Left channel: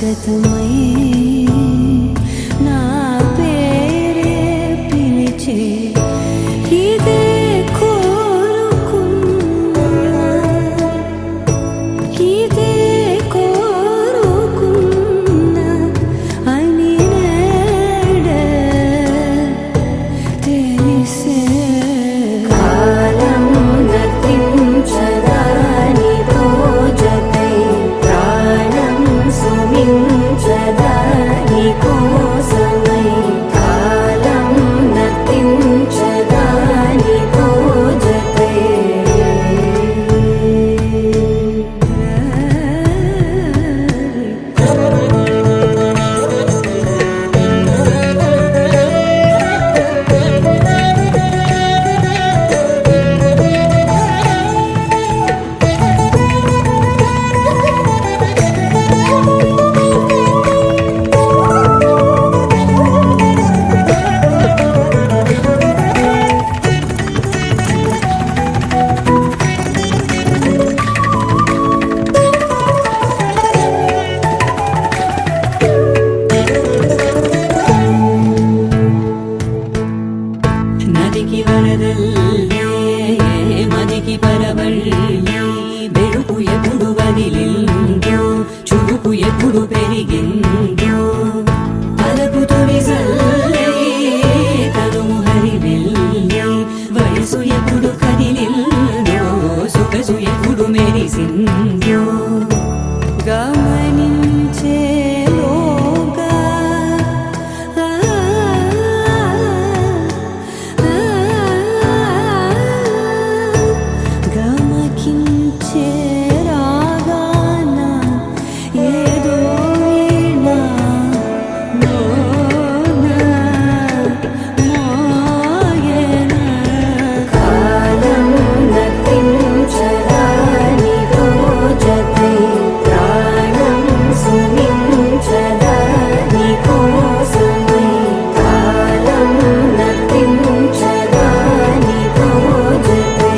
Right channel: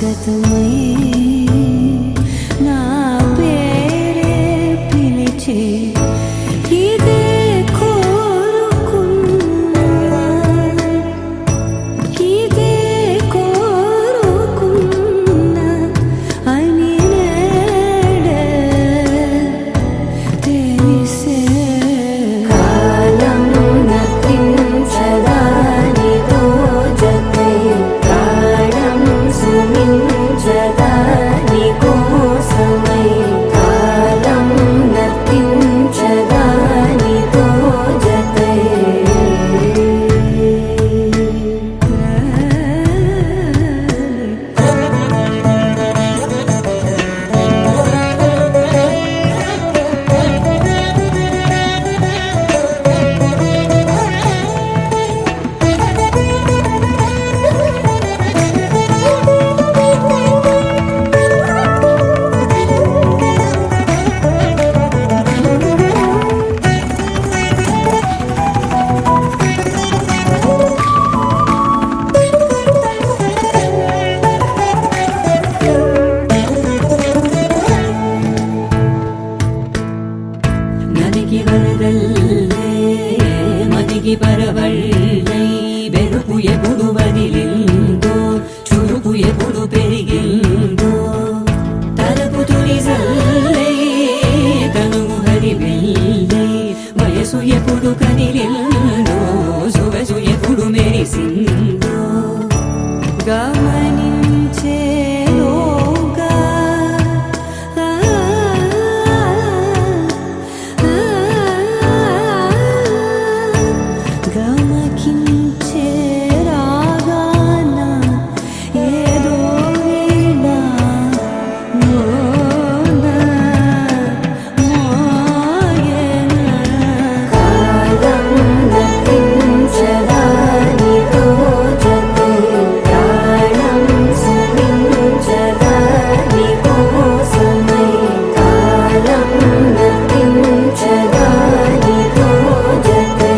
గతమై నా పేరే పిలిచే ఇదే కోరుకున్నా ఇదే కోరుకున్నా అని నేడే తెలిసే కాలం నతించదానిదో జతై ప్రాణం సుమించదాని కోసమై కాలం నతించదానిదో జతై నదికి వరదల్లే మదికి పరవళ్ళే వెలుపు ఎప్పుడు వదిలిందో చురుకు ఎప్పుడు పెరిగిందో తలపు తొలి సల్లే కనుము హరిమెల్లే వయసు ఎప్పుడు కదిలిందో సొగసు ఎప్పుడు మెరిసిందో గమనించేలోగా గమకించే రాగాన ఏదో వీణా మోన మోయన కాలం నతించదానిదో జతై ప్రాణం సుమించదాని కోసమై కాలం నతించదానిదో జతై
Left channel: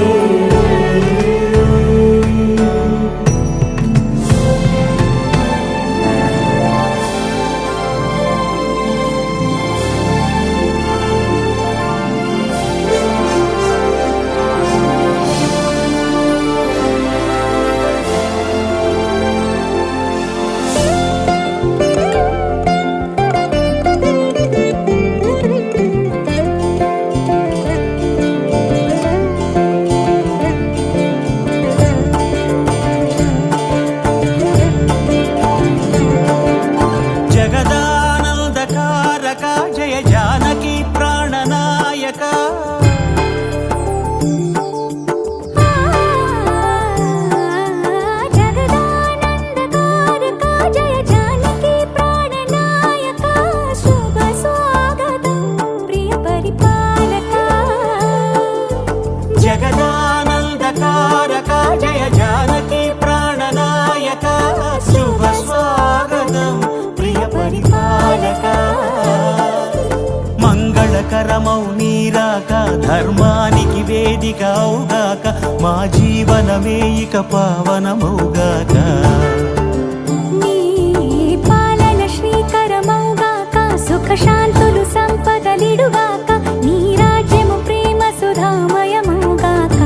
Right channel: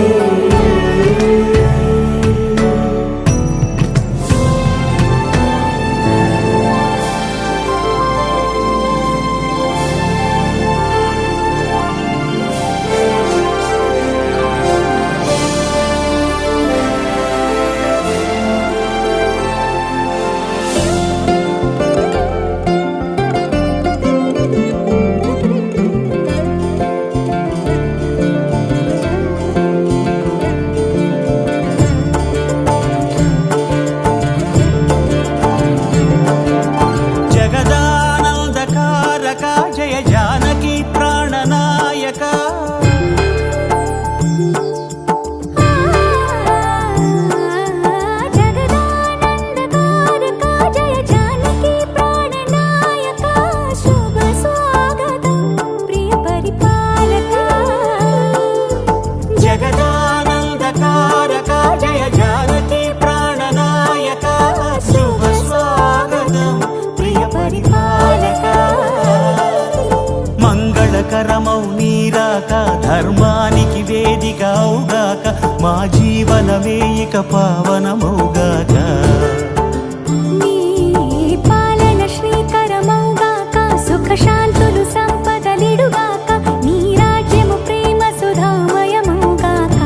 జగదానందకారక జయ జానకి ప్రాణనాయక జగదానందకారక జయ జానకి ప్రాణనాయక శుభ స్వాగతం ప్రియ పరిపాలక జగదానందకారక జయ జానకి ప్రాణనాయక శుభ స్వాగతం ప్రియ పరిపాలక మంగళకరమౌ నీరాక ధర్మానికి వేదిక అవుగాక మా జీవనమే ఇక పావనమౌగాక నీ పాలన శ్రీకరమౌగాక సుఖ శాంతులు సంపదలిడుగాక నీ రాజ్యము ప్రేమ సుధామయమౌగాక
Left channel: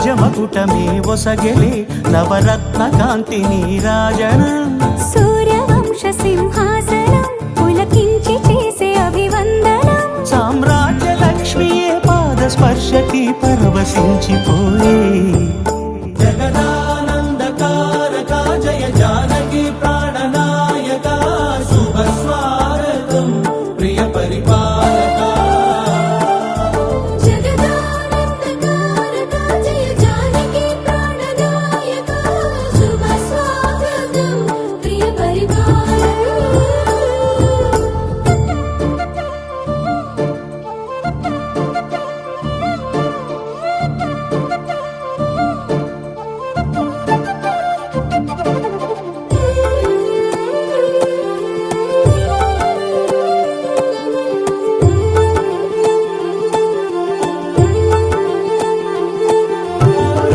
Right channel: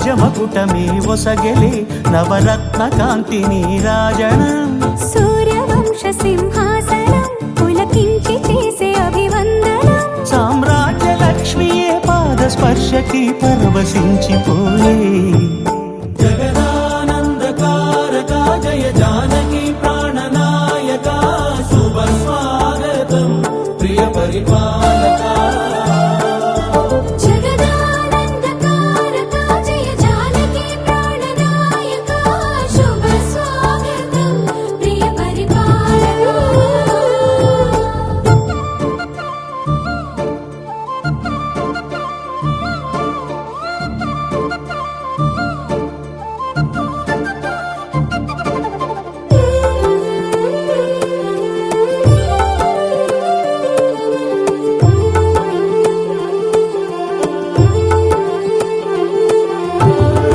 రాజమకుటమే ఒసగెలే నవరత్న కాంతి నీరాజనం సూర్యవంశ సింహాసనం పులకించి చేసే అభివందనం సామ్రాజ్య లక్ష్మియే పాద స్పర్శకి పరవశించిపోయే జగదానందకారక జయ జానకి ప్రాణనాయక శుభ స్వాగతం ప్రియ పరిపాలక జగదానందకారక జయ జానకి ప్రాణనాయక శుభ స్వాగతం ప్రియ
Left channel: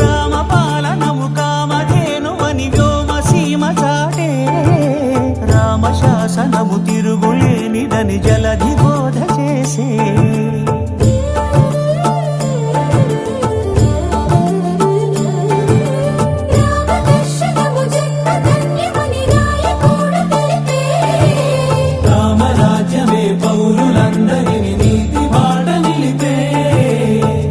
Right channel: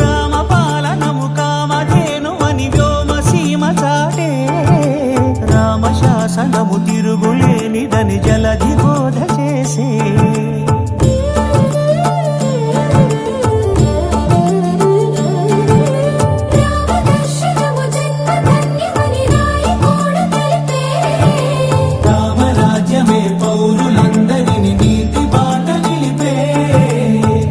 రామపాలనము కామధేనువని వ్యోమసీమ చాటే రామశాసనము తిరుగులేనిదని జలధి బోధ చేసే రామదర్శనము జన్మధన్యమని నాయకుడు తెలిపే రామరాజ్యమే పౌరులందరిని నీతి బాట నిలిపే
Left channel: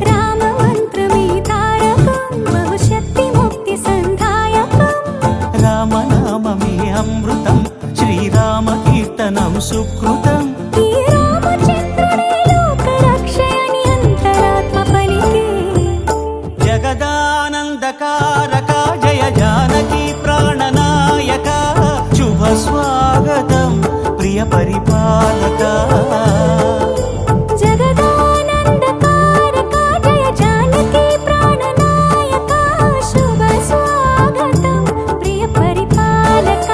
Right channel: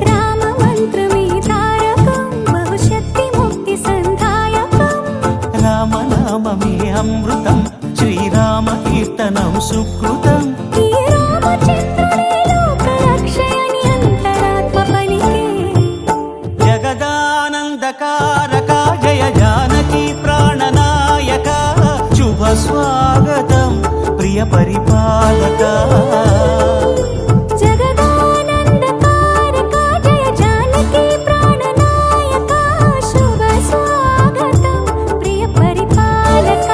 రామ మంత్రమే తారకం బహుశక్తి ముక్తి సంధాయకం రామనామమే అమృతం శ్రీరామ కీర్తనం సుకృతం ఈ రామచంద్రుడే లోక రక్షయని అంతరాత్మ పలికే జగదానందకారక జయ జానకి ప్రాణనాయక శుభ స్వాగతం ప్రియ పరిపాలక జగదానందకారక జయ జానకి ప్రాణనాయక శుభ స్వాగతం ప్రియ పరిపాలక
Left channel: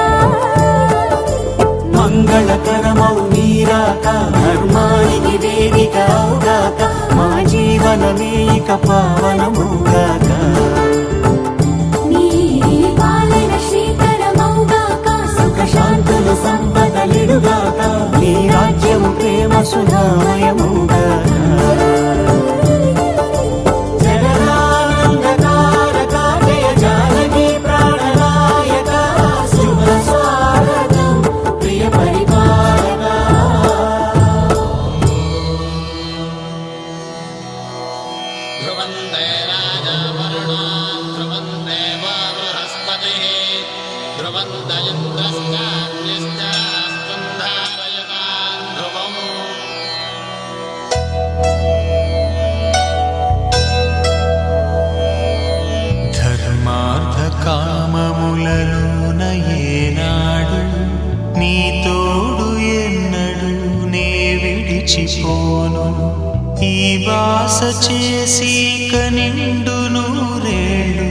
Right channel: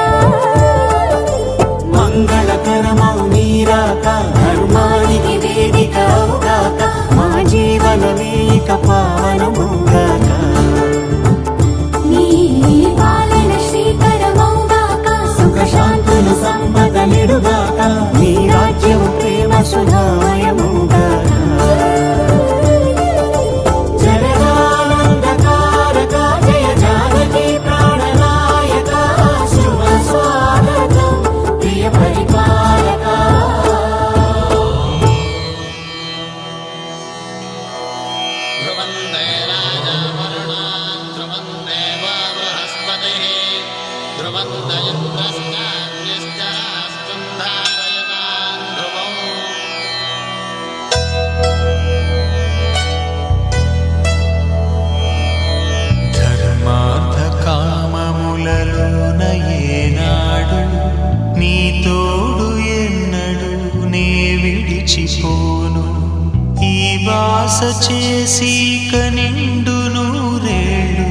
మంగళకరమౌ నీరాక ధర్మానికి వేదిక అవుగాక మా జీవనమే ఇక పావనముగాక నీ పాలన శ్రీకరమౌగాక సుఖ శాంతులు సంపదలిడుగాక నీ రాజ్యము ప్రేమ సుధామయముగాక జగదానందకారక జయ జానకి ప్రాణనాయక శుభ స్వాగతం ప్రియ పరిపాలక ध्रुवन्ते राजवरुणान् ध्रुवन्ते वा बृहस्पतिः ध्रुवन्त इन्द्रश्चान्यश्चास्तुं धारयतान् ध्रुवम् ధర్మార్థకామములలోన ఏనాడు నీ తోడు ఎన్నడు నే విడిచిపోను ఈ వాస చేసి కనిండు నూరేళ్ళు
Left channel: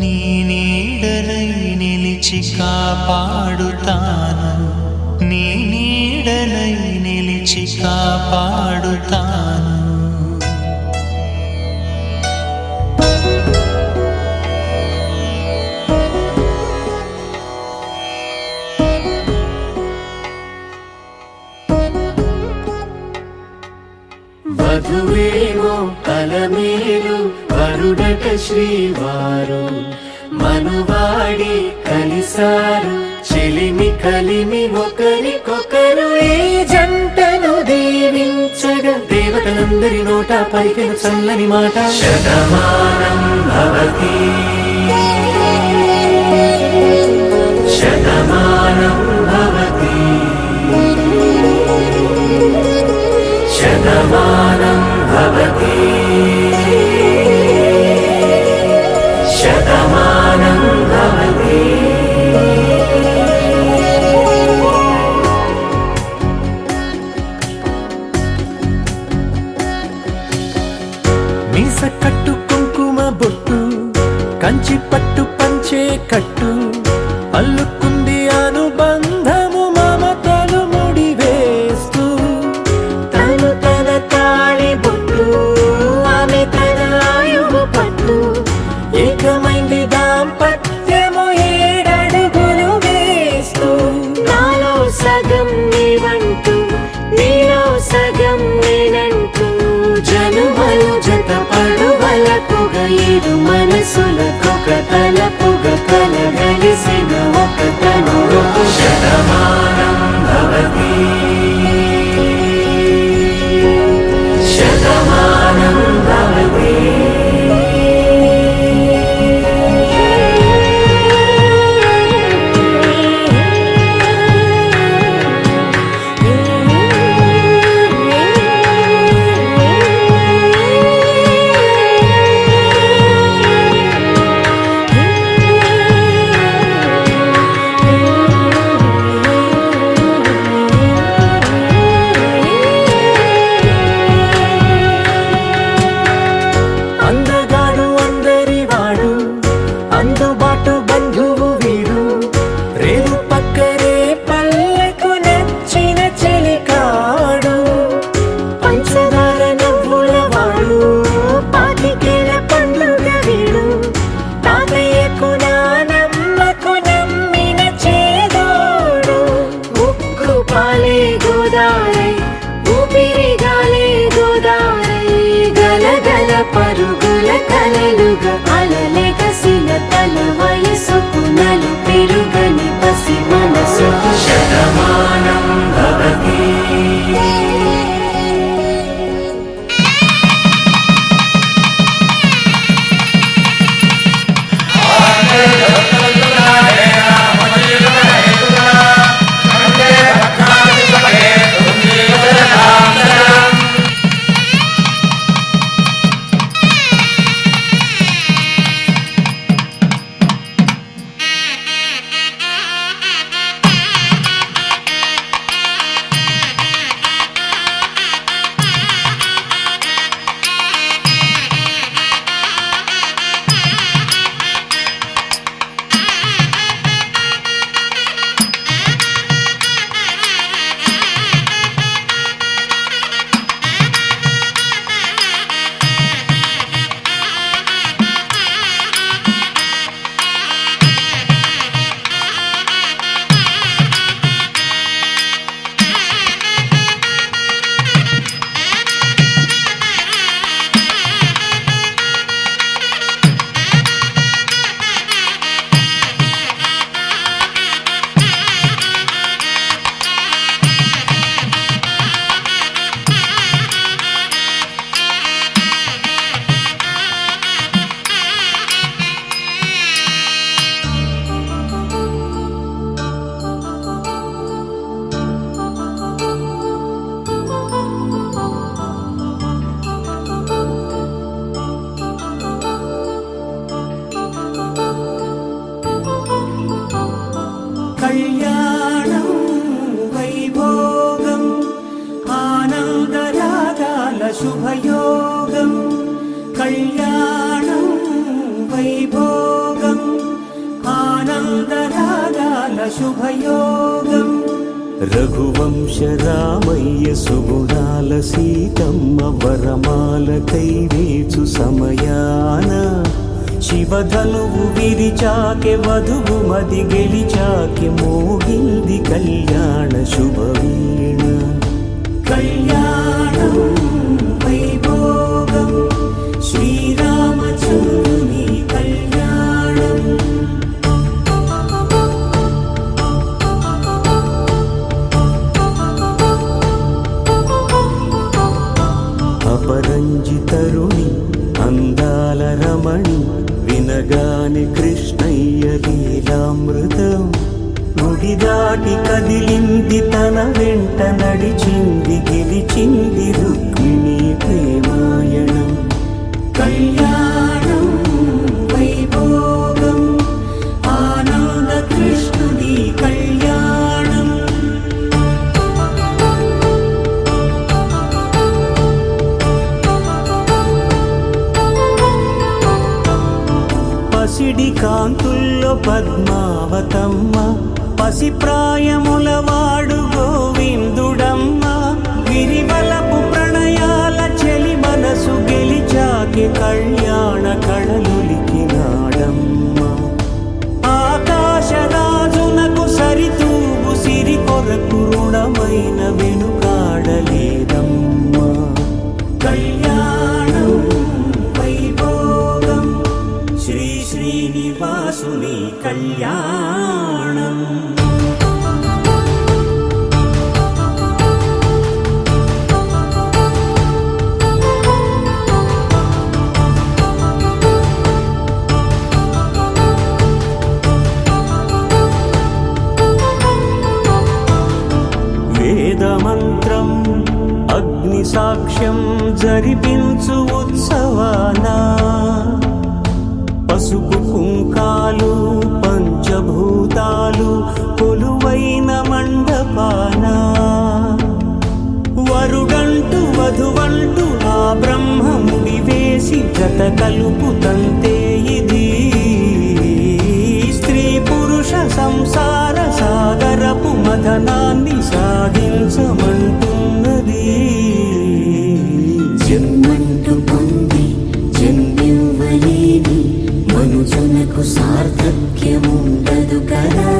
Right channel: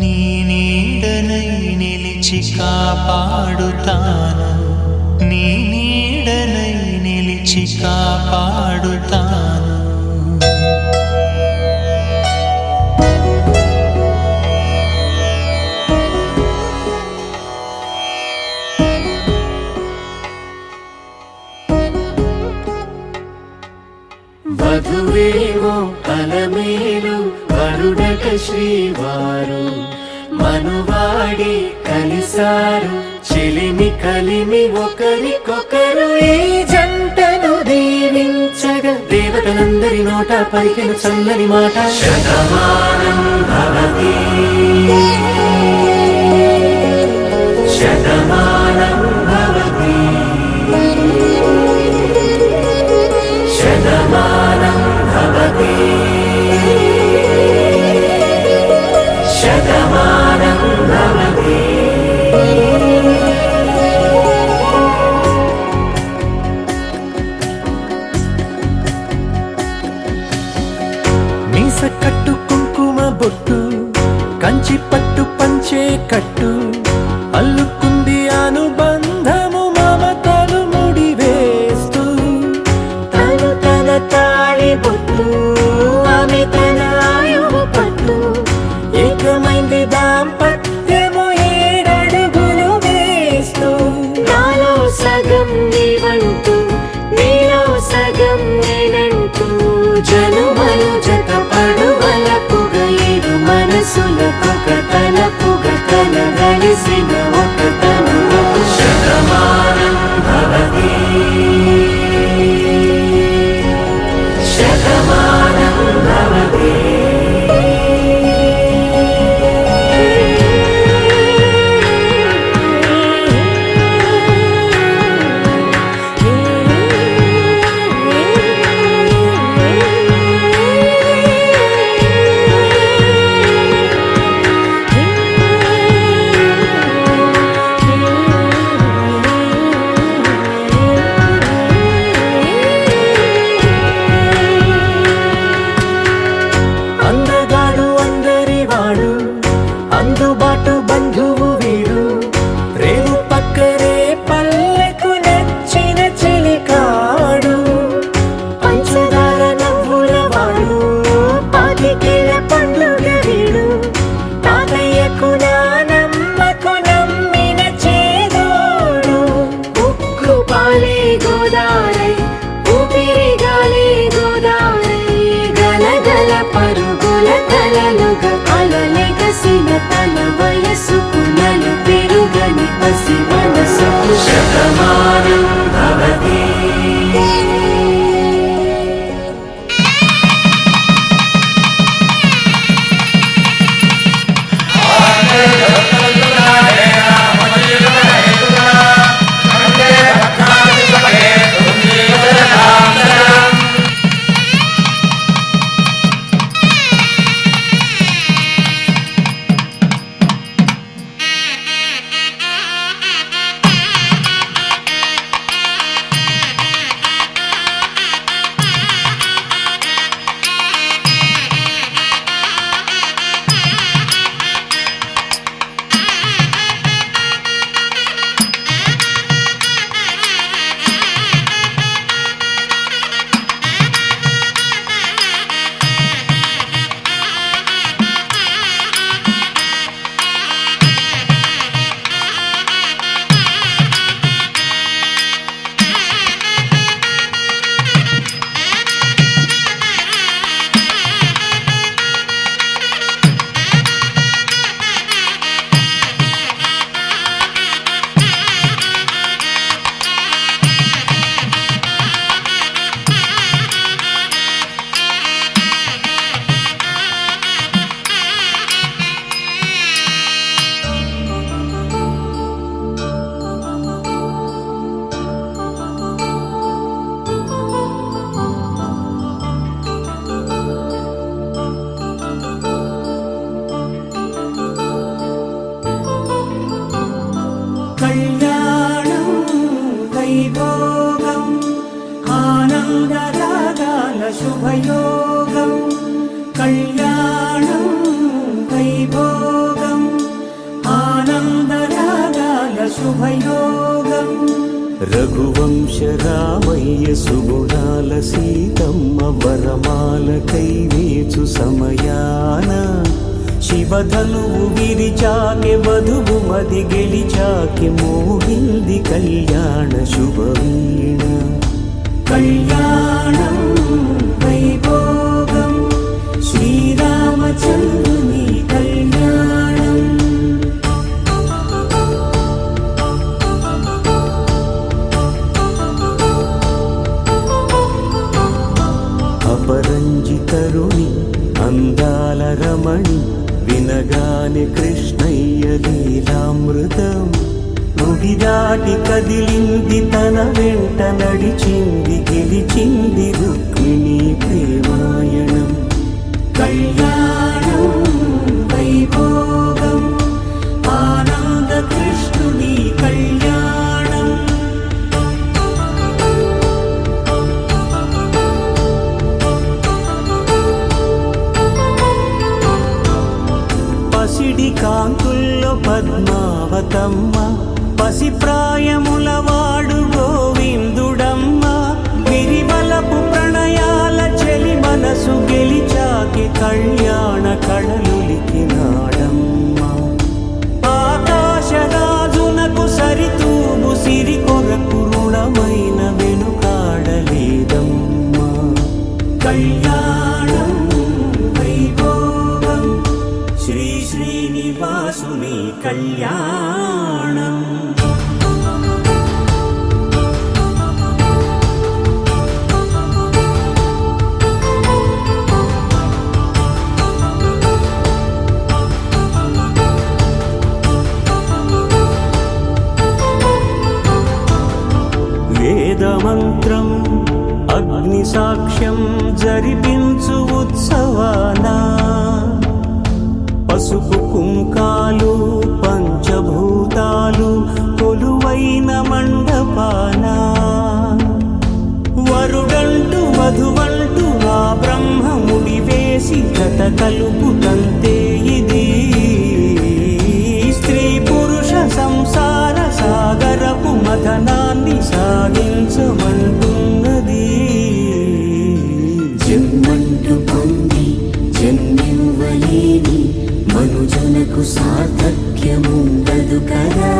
నీ నీడనై నిలిచి కాపాడుతాను నీ నీడనై నిలిచి కాపాడుతాను వధువేవో అలమేలు వరుడట శ్రీవారు మనువాడి కలిసారు చెలిమి కలిమి ఒకరికొకరు ఈ జంటను దీవించగా దేవతలందరి నోట పలికిన చల్లని మాట శతమానం భవతి శతమానం భవతి శతమానం భవతి శతమానం భవతి మీస కట్టు కుంకుమ బొట్టు కంచి పట్టు పంచే కట్టు అల్లుకుంది అనుబంధము మమతలు ముడివేస్తూ తను తన తాళి బొట్టు ఆమె తన ఆయువు పట్టు ఏకమైంది దాంపత్యము 7 అడుగులు వేస్తూ నాలో సగం నీవంటూ నీలో సగం నేనంటూ జనుమలు జత పడువలకుగా ఇరుమ కలిసిన ఒక తను ఒక శతమానం భవతి శతమానం భవతి అందగాడు అందరివాడు అందుబాటు బంధువు వీడు రేవు పక్కరే పల్లెకు నచ్చిన చెలికాడు పంచదార నవ్వుల వాడు పాతికేల పండుగ వీడు తాతయ్యకు నానమ్మకు నమ్మిన చేదోడు ఉక్కు పాలే గోదారై ఊపిరి గాలే గోదారై గలగల పరుగుల కలలుగా అలలెగసిన తన వయసుకు నలు పెరుగని పసి మనసుకు శతమానం భవతి కళ్యాణం వైభోగం ఆనందరాగాల శుభయోగం కళ్యాణం వైభోగం ఆనందరాగాల శుభయోగం రఘువంశ రామయ్య సుగుణాల సీతమ్మ వరమాల కైవేచు సమయాన శివధనువు విరిచాకె వధువు మది గెలిచాకె మోగింది కళ్యాణ శుభవీణ కళ్యాణం వైభోగం శ్రీరామచంద్రుని కళ్యాణం అపరంజి తరుణి అందాల రమణి వినగానే కృష్ణయ్య లీలామృతం గుడి దాటి కదిలింది తన వెంట నడిచింది గెలిచింది రుక్మిణి ప్రేమాయణం కళ్యాణం వైభోగం ఆనంద కృష్ణుని కళ్యాణం పసిడి కాంతుల్లో పద్మావతమ్మ పసి ప్రాయముల వాడు గోవిందుడమ్మ విరివలపు ప్రణయాల చెలి మనసు గెలిచాకే కళ్యాణ కళలులికినాడమ్మ ఆకాశరాజునకు సరితూబు సిరి కొరకు రుణమైన వెనుకాడలేదమ్మా కళ్యాణం వైభోగం శ్రీ శ్రీనివాసుని కళ్యాణం. వేదమంత్రం అగ్ని సాక్ష్యం జరిపించు ఉత్సవాన పసుపు కుంకాలు పంచభూతాలు కొలువైన మండపాన వరుడంటూ వధువంటూ ఆ బ్రహ్మముడి వేసి జత కలుపుతంతే ఇది స్త్రీ పురుష సంసార సాగరపు మథనాన్ని సాగించమంటున్నది. జన్మంటూ పొంది జన్మివ్వలేని మనుజునకు సార్థక్యముండదు కదా.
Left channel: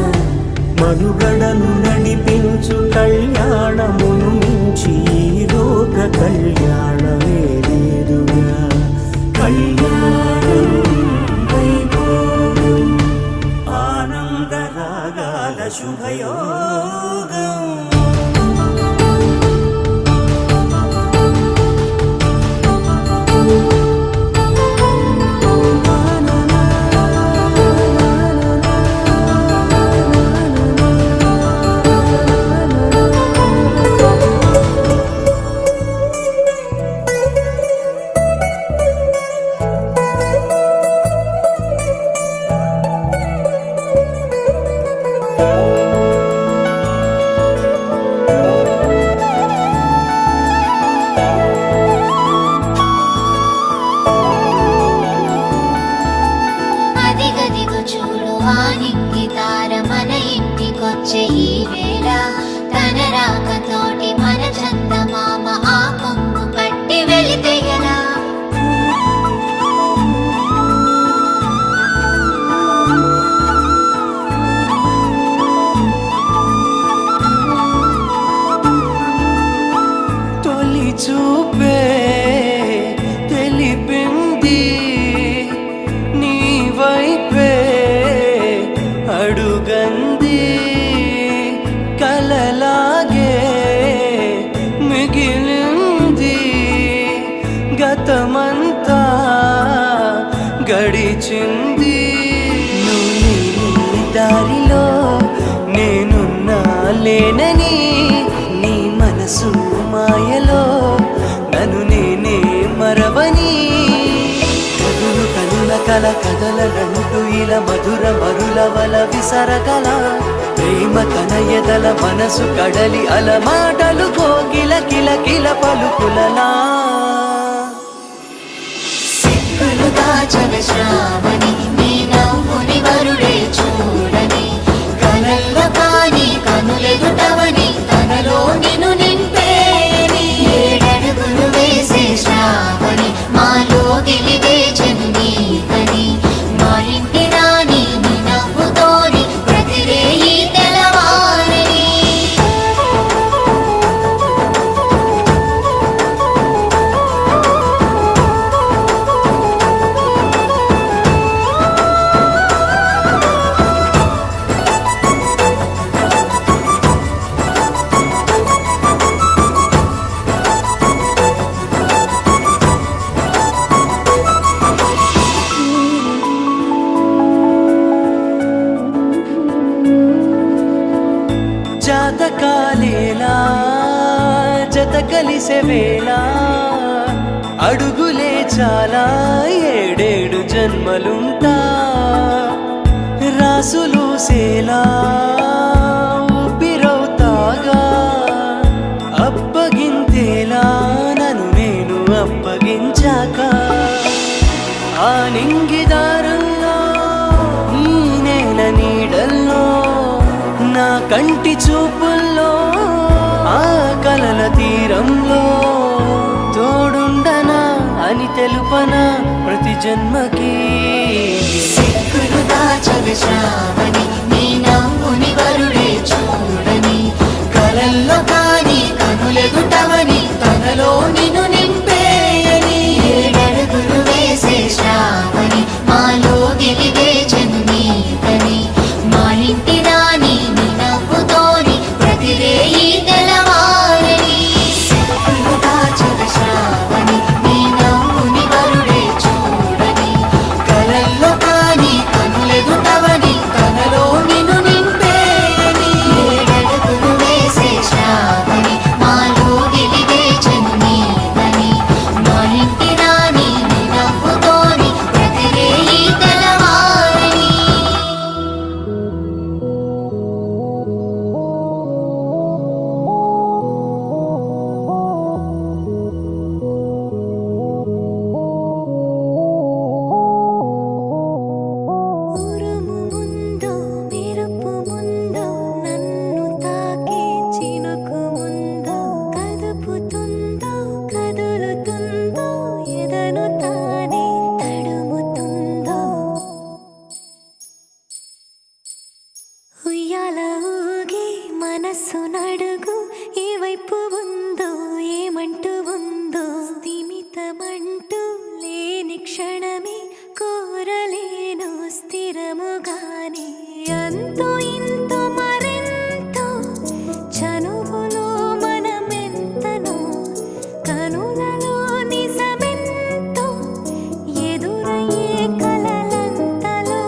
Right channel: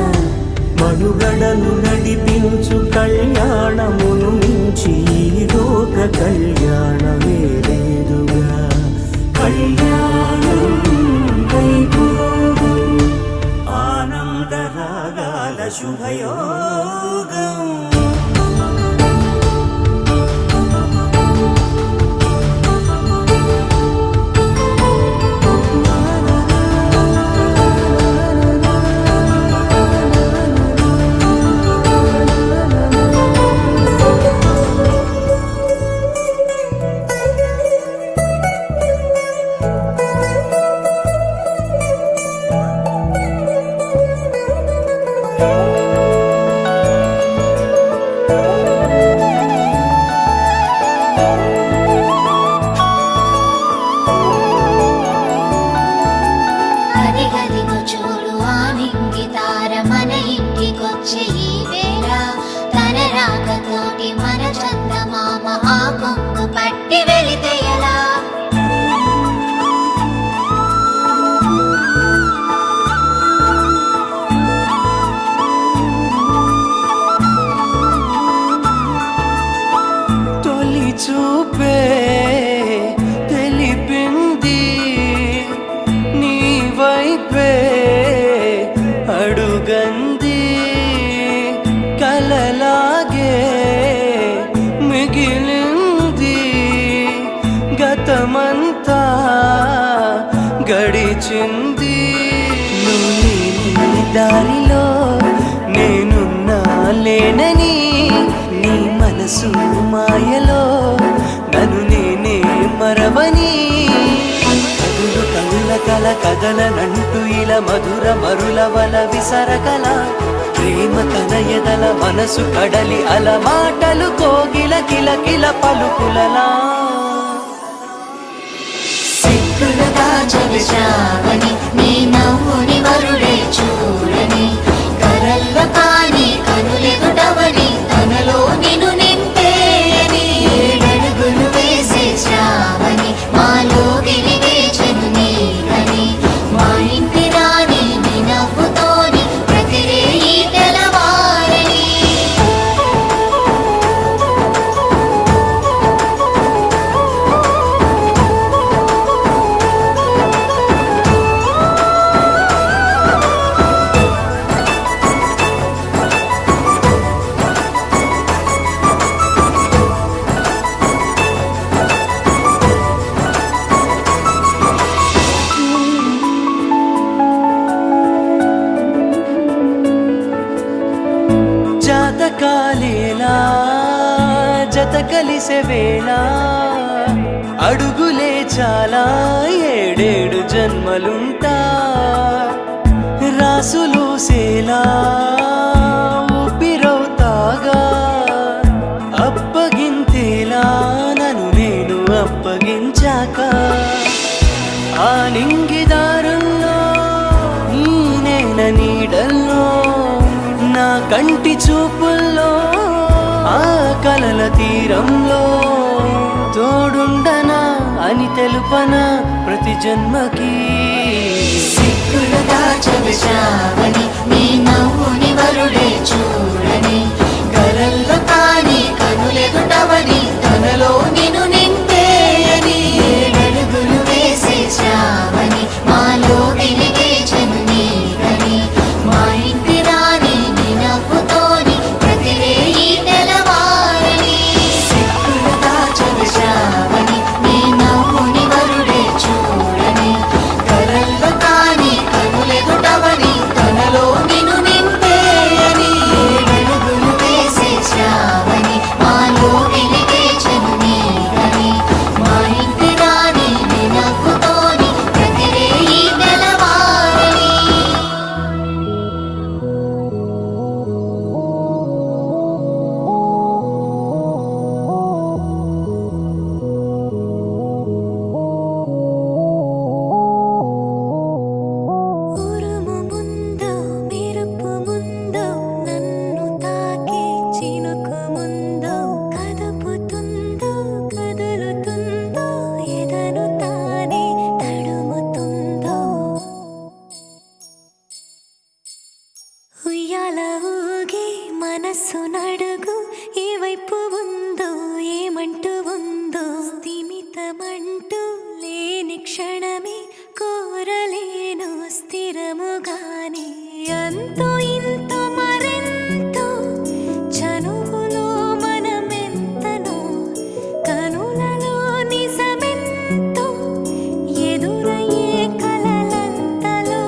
మనుగడను నడిపించు కళ్యాణమును మించి ఈ లోక కళ్యాణమే లేదుగా. కళ్యాణం వైభోగం ఆనందరాగాల శుభయోగం. అదిగదిగో చూడు ఆ నింగి తార మన ఇంటికొచ్చే ఈ వేళ. తన రాకతోటి మన చందమామ ఆ కొంగు పట్టి వెళితే ఎలా. తొలి చూపే తెలిపింది నీ వైపే అడుగంది. కలలాగే మిగిలింది గతమంతా గడిచింది. నువ్వు నీ దారిలో నేనున్నా లేనని నీ మనసు మాయలో నన్ను నేనే మరవని. కనుల కల కదలనంటూ ఇలా మధుర మరుల వల విసరగల ప్రేమ తన ఎదల మనసు కడలి అల మాటలు కోగిల కిల కిల పలుకులలా. సిక్కులు దాచిన శ్రావణి నీ నవ్వుని వరుడే చూడని. కలల్లో కాని కనులెదుటవని తనలో నిన్ను నింపేయని. ఏడడుగులు వేసే శ్రావణి మాలో గెలివేచెను నీకని. మా ఇంటి రాణి నీ నవ్వుతోని ప్రతిరేయి తెలవారని. జాతకాలేలా జత కలిసే వేళ అడుగులే చాలా ఏడేడు జన్మలుంటా. రాసులు సేలా ఊపిరవుతాగా అప్పగింతేలా నన్ను నేను అప్పగించాక. ఆ నింగిదారుల్లో ఈ నేల నీడల్లో నా కంటి చూపుల్లో ఆ కలల తీరంలో తోడుండనా అని తెలుపనా ప్రతి జన్మకి. సిక్కులు దాచిన శ్రావణి నీ నవ్వుని వరుడే చూడని. కలల్లో కాని కనులెదుటవని తనలో నిన్ను నింపేయని. ఏడడుగులు వేసే శ్రావణి మాలో వెలిగేచెను నీకని. అంటూ లేని క్షణమే కోరలేను స్థిరముగానే అంతో ఇంతో మరెంతో చనువులో మనమెంతనో కనులలో నిజమెంతో ఎదురయ్యే కలలంతలో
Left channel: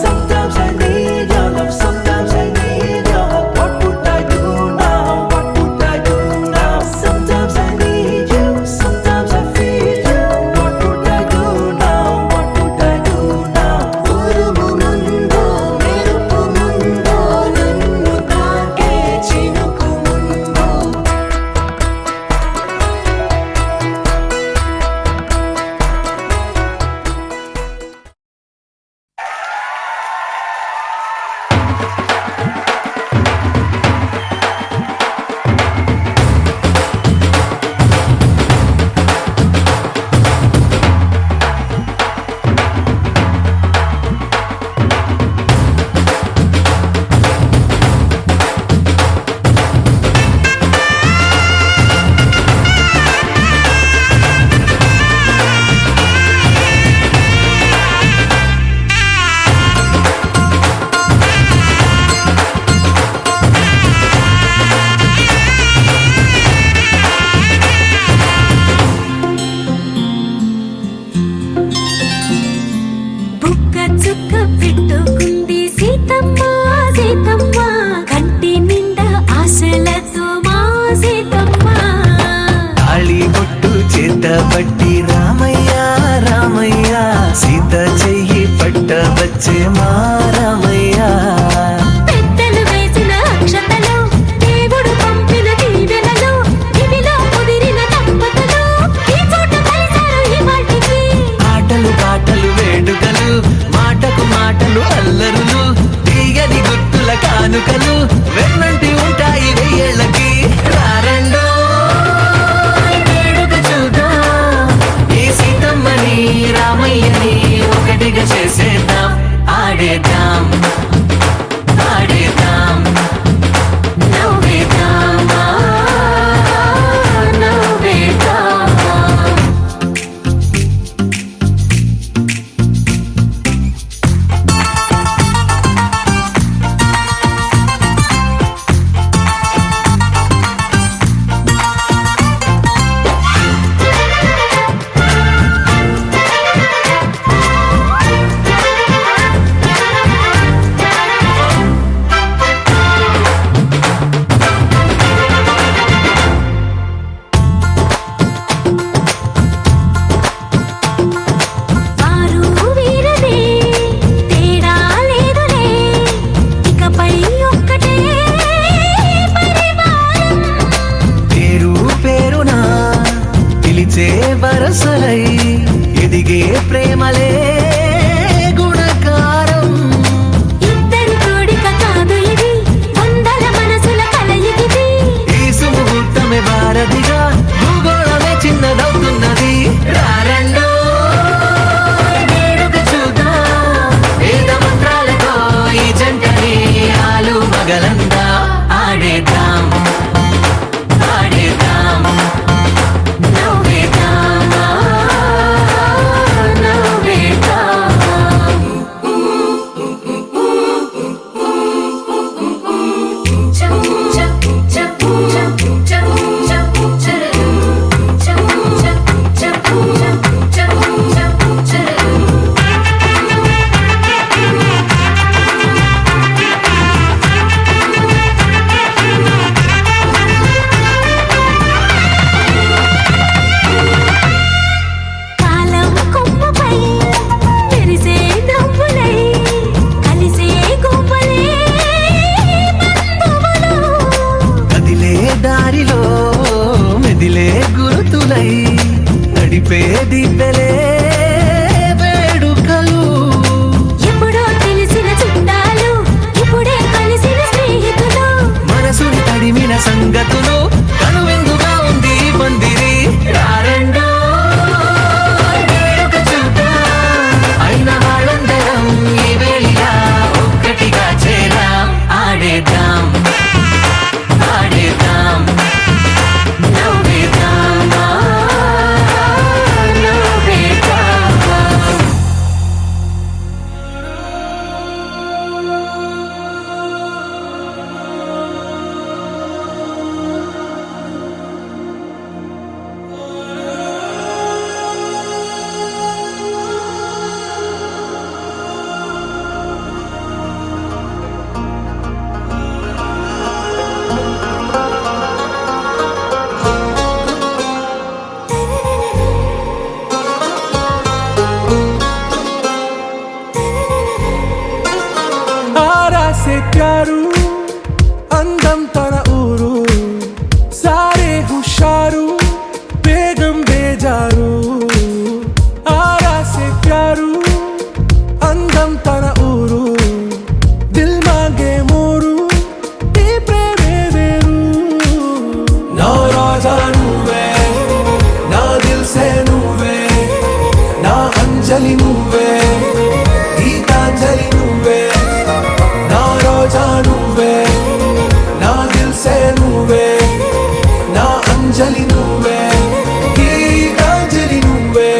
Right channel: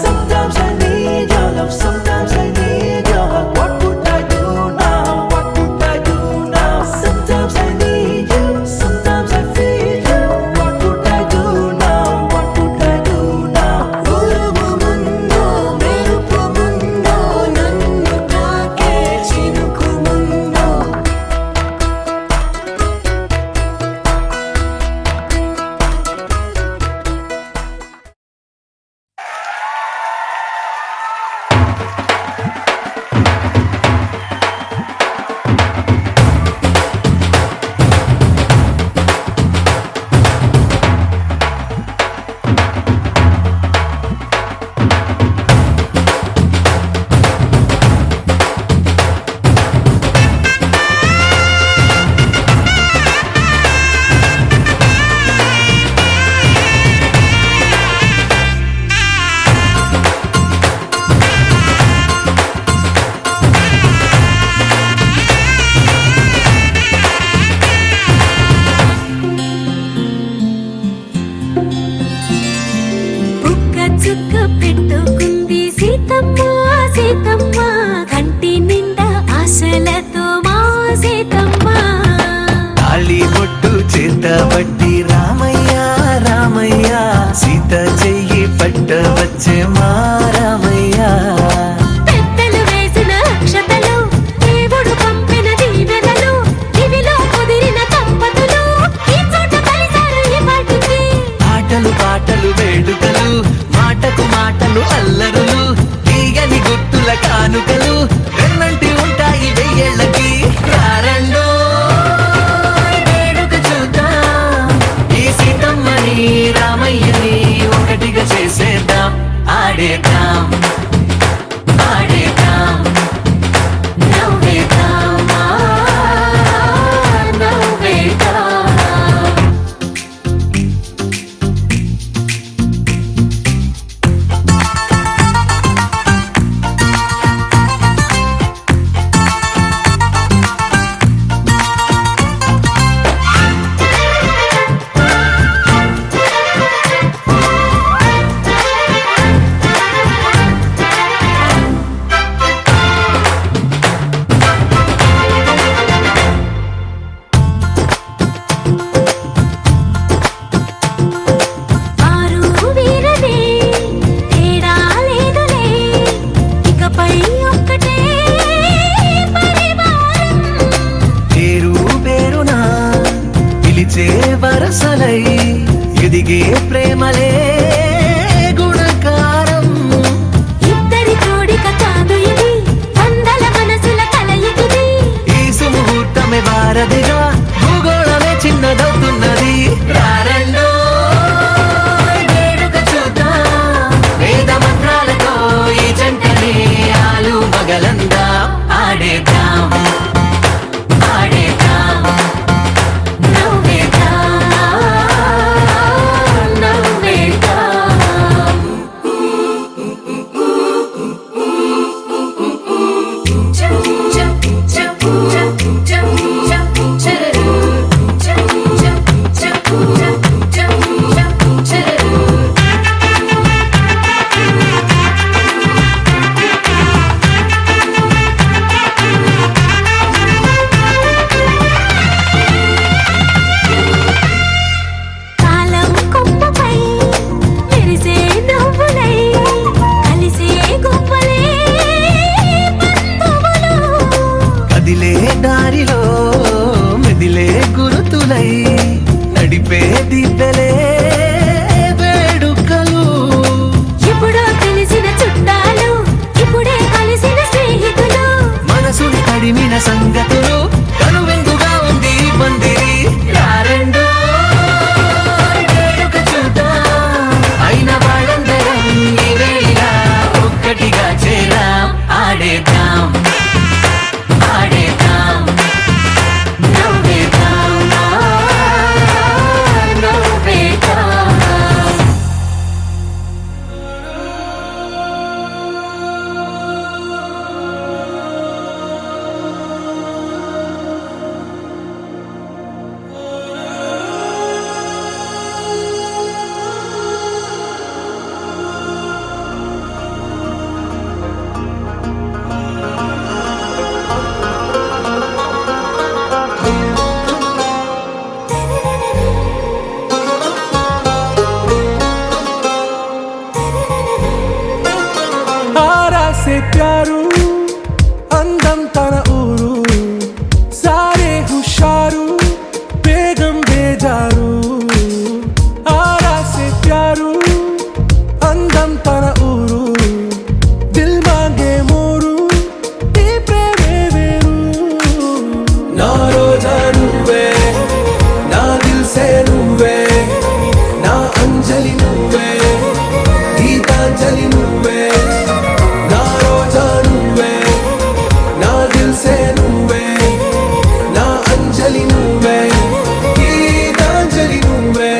Sometimes I need your love, sometimes I need your hug. What would I do now? What would I do now? Sometimes I need you, sometimes I feel you. What would I do now? What would I do now? ఉరుముగుందో మెరుపుముందో నన్ను తాకే చినుకుముందో బుక్క చుక్క పెట్టుకుంది సీతమ్మ సీతమ్మ కంటి నిండా ఆశలతో మా సీతమ్మ తాళి బొట్టు చేతబట్టి రామయ్య రామయ్య సీత చెయ్యి పట్ట వచ్చే మా రామయ్య పెద్దలు వేసిన అక్షతలు దేవుడు పంపిన దీవెనలు ఇవిలో కుదిరిన దంపతులు ఈ చోట కలిసారు ఈ వాటికి ఆటలు పాటలు వేడుకలు మాటకు మాటలు అల్లరులు తీయని గుర్తుల కానుకలు వెన్నంటి ఉంటాయి వెయ్యేళ్ళకి రారండో వేడుక చూద్దాం ఈ సీతమ్మని రామయ్యని ఒకటిగా చేసేద్దాం ఆడేద్దాం ఆడేద్దాం నవ్వేద్దాం నవ్వేద్దాం వారు వీరనే తేడా లేదులే ఇకపై ఒక్కటే పరివారం పేరు పేరునా పిలిచే వరసలై ఎదిగే ప్రేమలే గుణకారం ఇద్దరి కోడిక కాదు ఇది వందల మనసుల కలయికిది ఈ సుముహూర్తమే వారధిగా భూగోళమే చిన్నదవుతున్నది రారండో వేడుక చూద్దాం వేద మంత్రాలతో ఈ జంటని ఆలు మగలందా ఆడేద్దాం ఆడేద్దాం నవ్వేద్దాం నవ్వేద్దాం से प्यारू అందం తన ఊరు సారే హుషారు బేగం బేజారు ఆరా సే ప్యారు అందం తన ఊరు దిల్ మాంగే మోరు ఈ ప్రేమే వేరు నా రోజా నువ్వే నా దిల్ సే నువ్వే నా అంజలి నువ్వే గీతాంజలి నువ్వే నా రోజా నువ్వే నా దిల్ సే నువ్వే నా అంజలి నువ్వే గీతాంజలి నువ్వే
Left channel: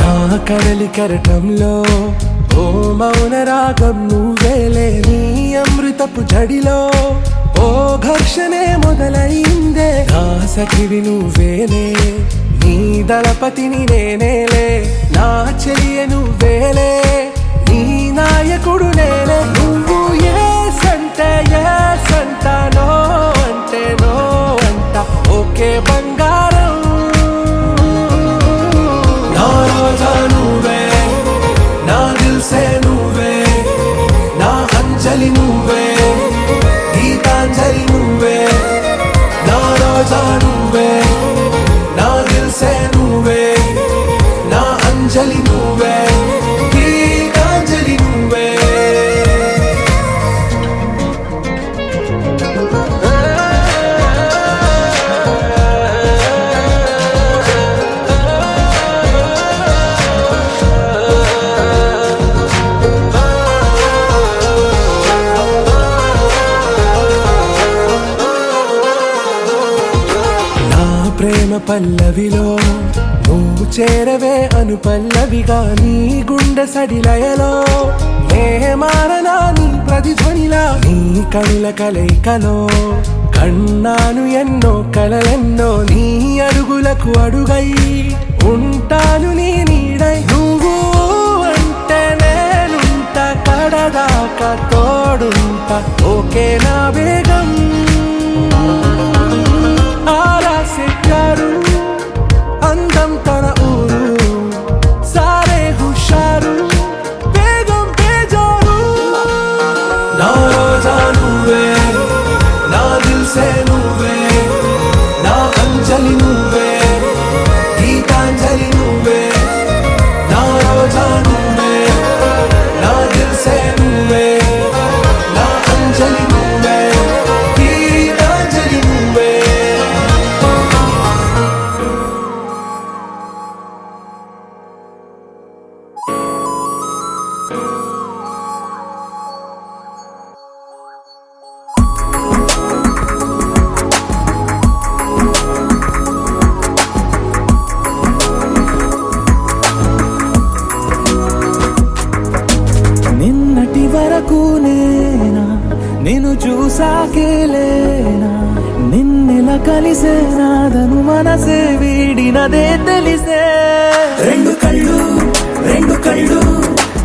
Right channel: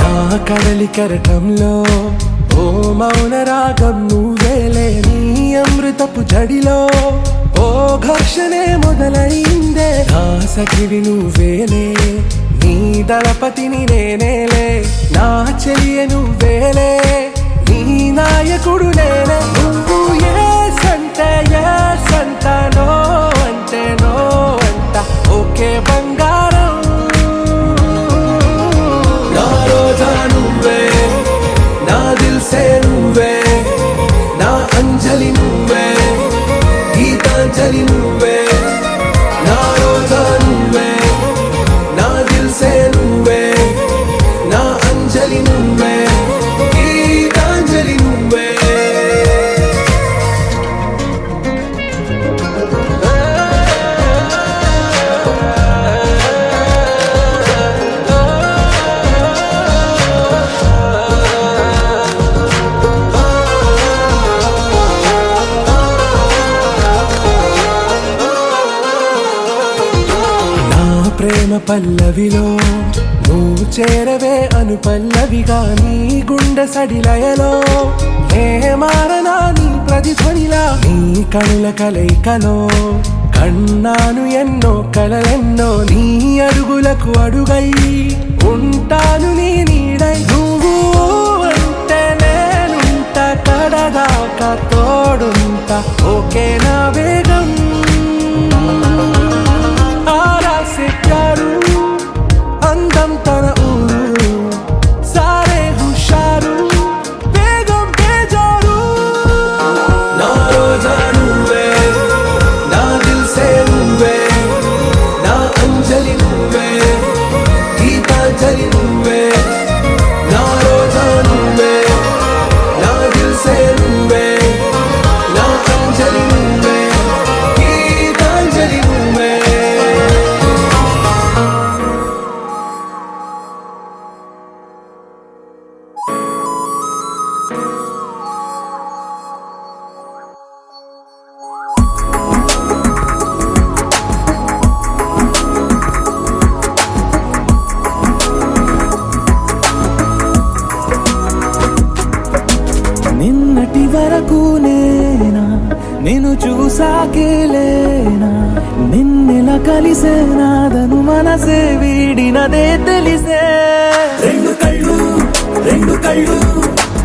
నా కడలి కరటంలో ఓ మౌన రాగం నువ్వేలే నీ అమృతపు జడిలో ఓ ఘర్షణే మొదలైందే నా సఖివి నువ్వేలే నీ దళపతిని నేనేలే నా చెలియ నువ్వేలే నీ నాయకుడు నేనే నువ్వు ఏ సంట నో అంటే నో అంట ఓకే బంగారం నా రోజా నువ్వే నా దిల్ సే నువ్వే నా అంజలి నువ్వే గీతాంజలి నువ్వే నా రోజా నువ్వే నా దిల్ సే నువ్వే నా అంజలి నువ్వే గీతాంజలి నువ్వే నా ప్రేమ పల్లవిలో నువ్వు చేరవే అను పల్లవిగా నీ గుండె సడిలయలో నే మారనా నీ ప్రతిధ్వనిలా నీ కనుల కలయికలో కన్నాను ఎన్నో కలలెన్నో నీ అడుగులకు అడుగై ఉంటాను నీ నీడై నువ్వు అంటే నేనుంట కడదాకా తోడుంట ఓకే నా బేగం ఆరా సే ప్యారు అందం తన ఊరు సారే హుషారు బేగం బేజారు నా రోజా నువ్వే నా దిల్ సే నువ్వే నా అంజలి నువ్వే గీతాంజలి నువ్వే నా రోజా నువ్వే నా దిల్ సే నువ్వే నా అంజలి నువ్వే గీతాంజలి నువ్వే నిన్నటి వరకు నేనా నిన్ను చూసాకేలేనా నిన్నెలా కలిసే నాదను మనసే వీడినదే తెలిసే రెండు కళ్ళు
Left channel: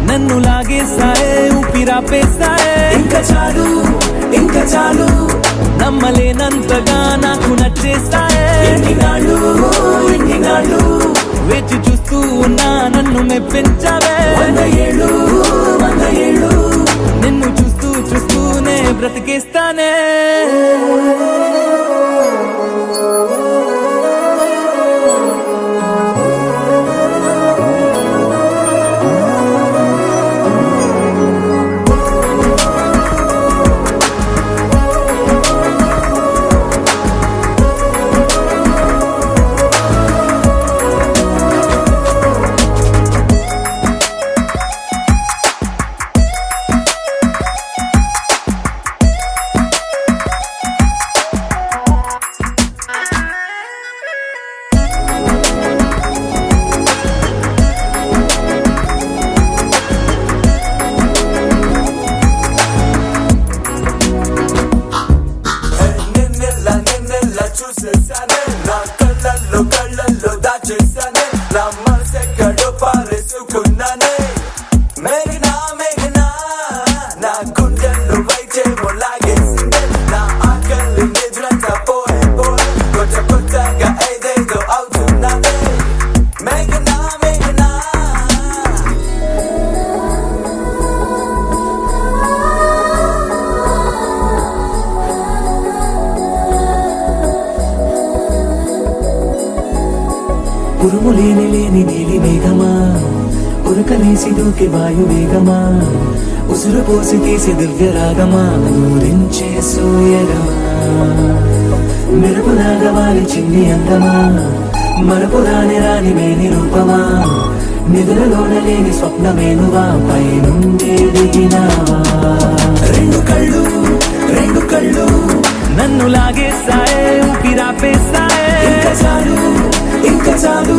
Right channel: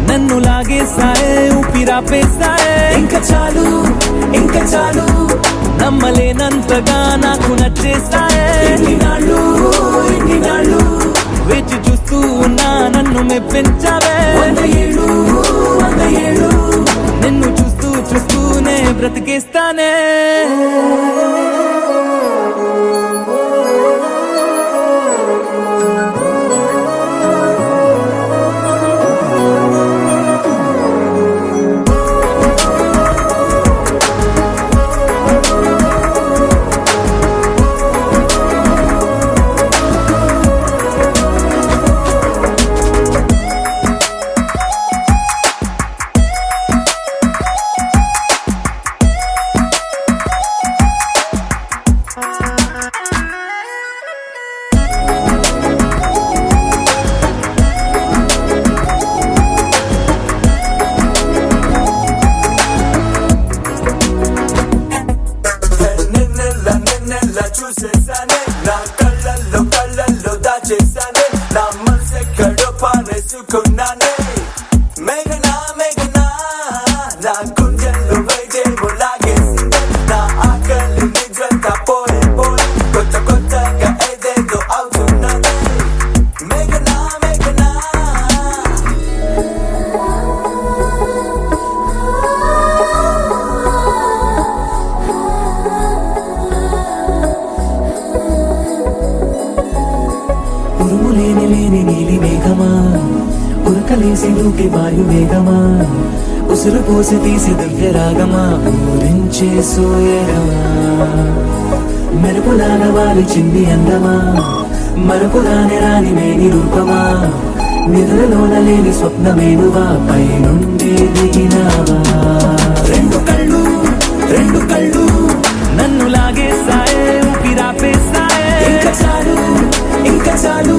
నన్ను లాగేసాయే ఊపిరాపేసాయే ఇంకా చాలు నమ్మలేనంతగా నాకు నచ్చేసాయే వేచి చూస్తూ ఉన్నా నన్ను మెప్పించావే నిన్ను చూస్తూనే బ్రతికేస్తానే ఉరకలేసి దూకే వాయువేగమా ఉసురు పోసి తీసే దివ్య రాగమా ఊరించే సూయగమా మెరుపులాగా వాలి చిన్ని అందమా మరపు రాని రాని మేని రూపమా నిద్రలోన లేని స్వప్నమేనువా పై నుండి దిగినావా రెండు కళ్ళు నన్ను లాగేస్తాయే ఊపిరాపేస్తాయే ఇంకా చాలు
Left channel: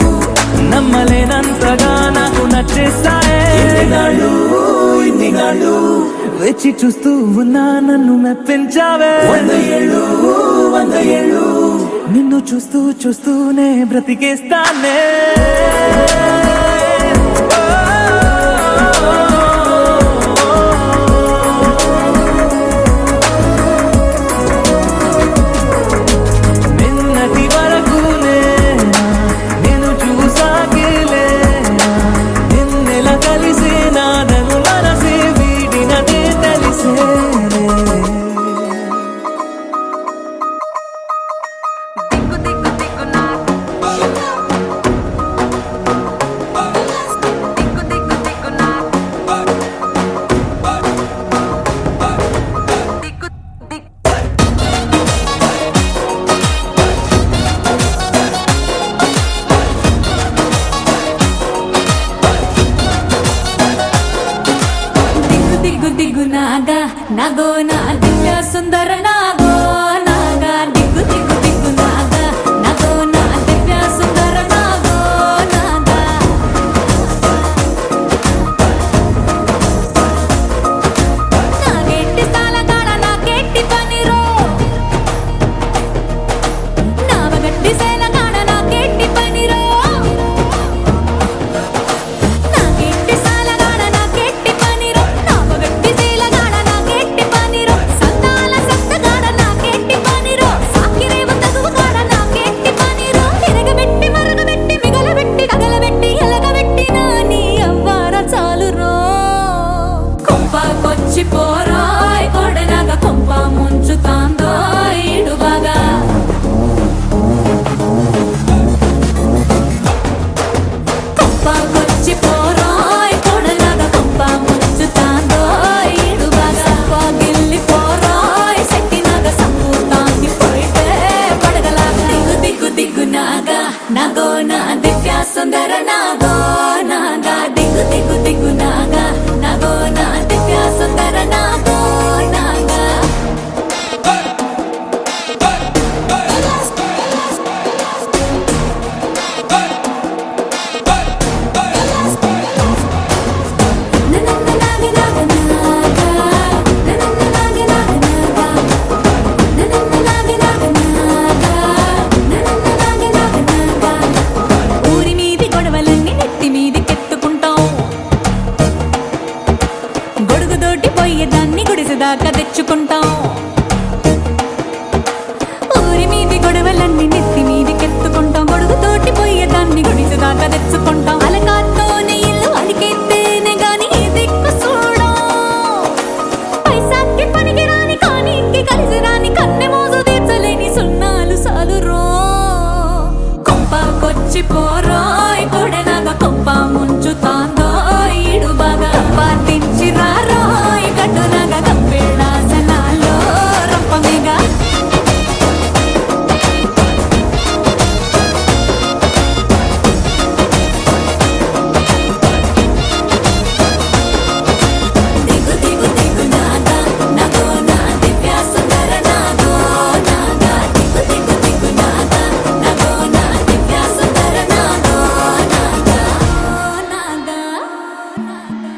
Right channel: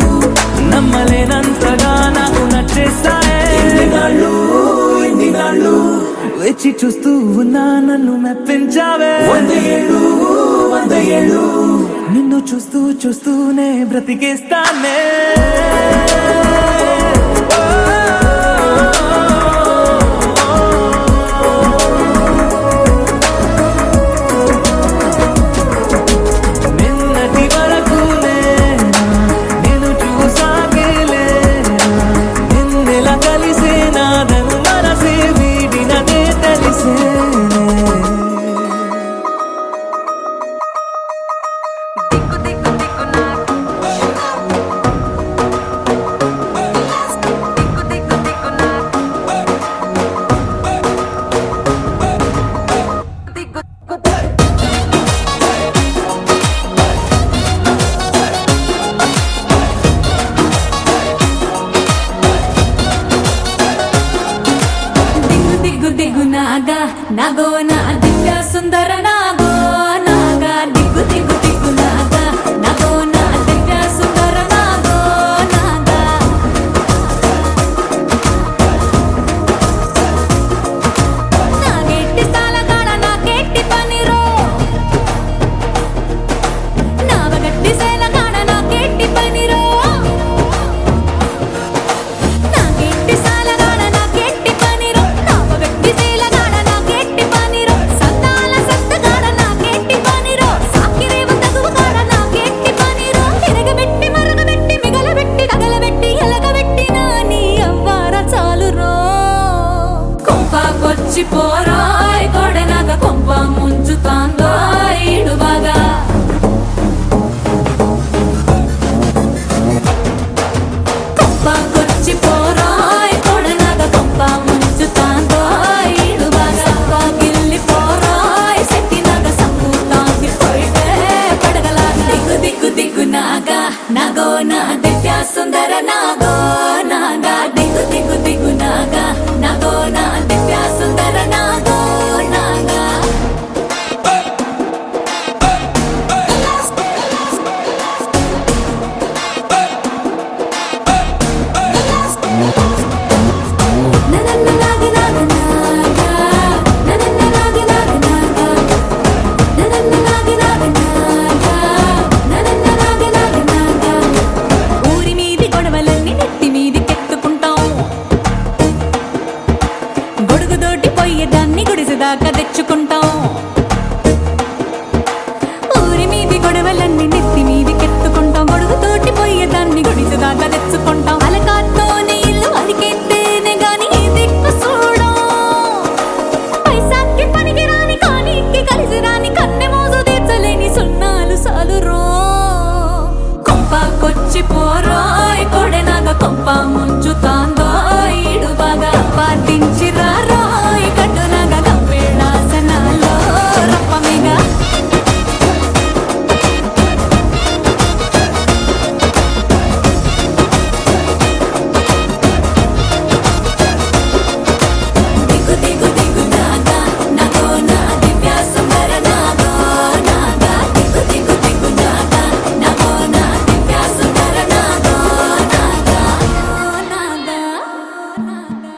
నమ్మలేనంతగా నాకు నచ్చేస్తాయే వేచి చూస్తూ ఉన్నా నన్ను మెప్పించావే నిన్ను చూస్తూ చూస్తూనే బ్రతికేస్తానే నిన్నటి వరకు నేను చూసాకేలేనా నిన్నెలా కలిసే నాదను మనసే వీడినదే తెలిసేనే దిగ్గు దిగ్గు నాగా నాగో నా దివ్య సుందర నాగో నాగా దిగ్గు దిగ్గు దిగ్గు నాగా నాగో నా దివ్య సుందర నాగో నాగా నాగెట్టి సాలగాడ నాకెట్టి పనిరో నావగట్టి సేలగాడ నాకెట్టి పనిరో నాకెట్టి సాలగాడ నాకెట్టి పనిరో నావగట్టి సేలగాడ నాకెట్టి పనిరో సంతాల సత్తగాడ నాకెట్టి పనిరో సాకిరేవ తగువగాడ నాకెట్టి పనిరో తిరగబెట్టి మరగబెట్టి మిగలబెట్టి తగలబెట్టి ఎలగబెట్టి నాని అవ్వార చాలురో కొంపకొచ్చి పోరాయ్ కొడనగ కొంప ముంచుతాందో ఇడుబాగా కొంపకొచ్చి పోరాయ్ కొడనగ కొంప ముంచుతాందో ఇడుబాగా పోగిల్లి పోరాయ్ సెట్టినగ సంపూతాంది పోయితే పడగలాగా దిగ్గు దిగ్గు దిగ్గు నాగా నాగో నా దివ్య సుందర నాగో నాగా దిగ్గు దిగ్గు దిగ్గు నాగా నాగో నా దివ్య సుందర నాగో నాగా ననన్న నాగ నాగ నాగా ననన్న నాగ నాగ నాగా ననన్న నాగ నాగ నాగా ననన్న నాగ నాగ నాగా ఊరి మీది గొడవలన్నీ నెత్తి మీదికెత్తుకుంటాం గొడుగుదోటి పోయేదాన్ని గుడిసెదాకా తెచ్చుకుంటాం ఊరి మీది గొడవలన్నీ నెత్తి మీదికెత్తుకుంటాం గొడుగుతోటి పోయేదాన్ని గుడిసెదాకా తెచ్చుకుంటాం అలకాత్తోనే ఇల్లు అలికెత్తేనే గాని దిక్కు చూడం పైసాకి పనికి రాని కానీకి కలిసి రాని కన్నె మోజు తీర్చలేని సున్నాలు సాలురో కొంపకొచ్చి పోరోయ్ కొడెనగ కొంప ముంచుతాందో ఇడుబాగా పాటించి రారోయ్ కట్టునగ కంపేడాసనాలో రంపమేగా దిగ్గు దిగ్గు దిగ్గు నాగా నాగో నా దివ్య సుందర నాగో నాగా దిగ్గు దిగ్గు దిగ్గు నాగా నాగో నా దివ్య సుందర నాగో నాగా నాగా నాగా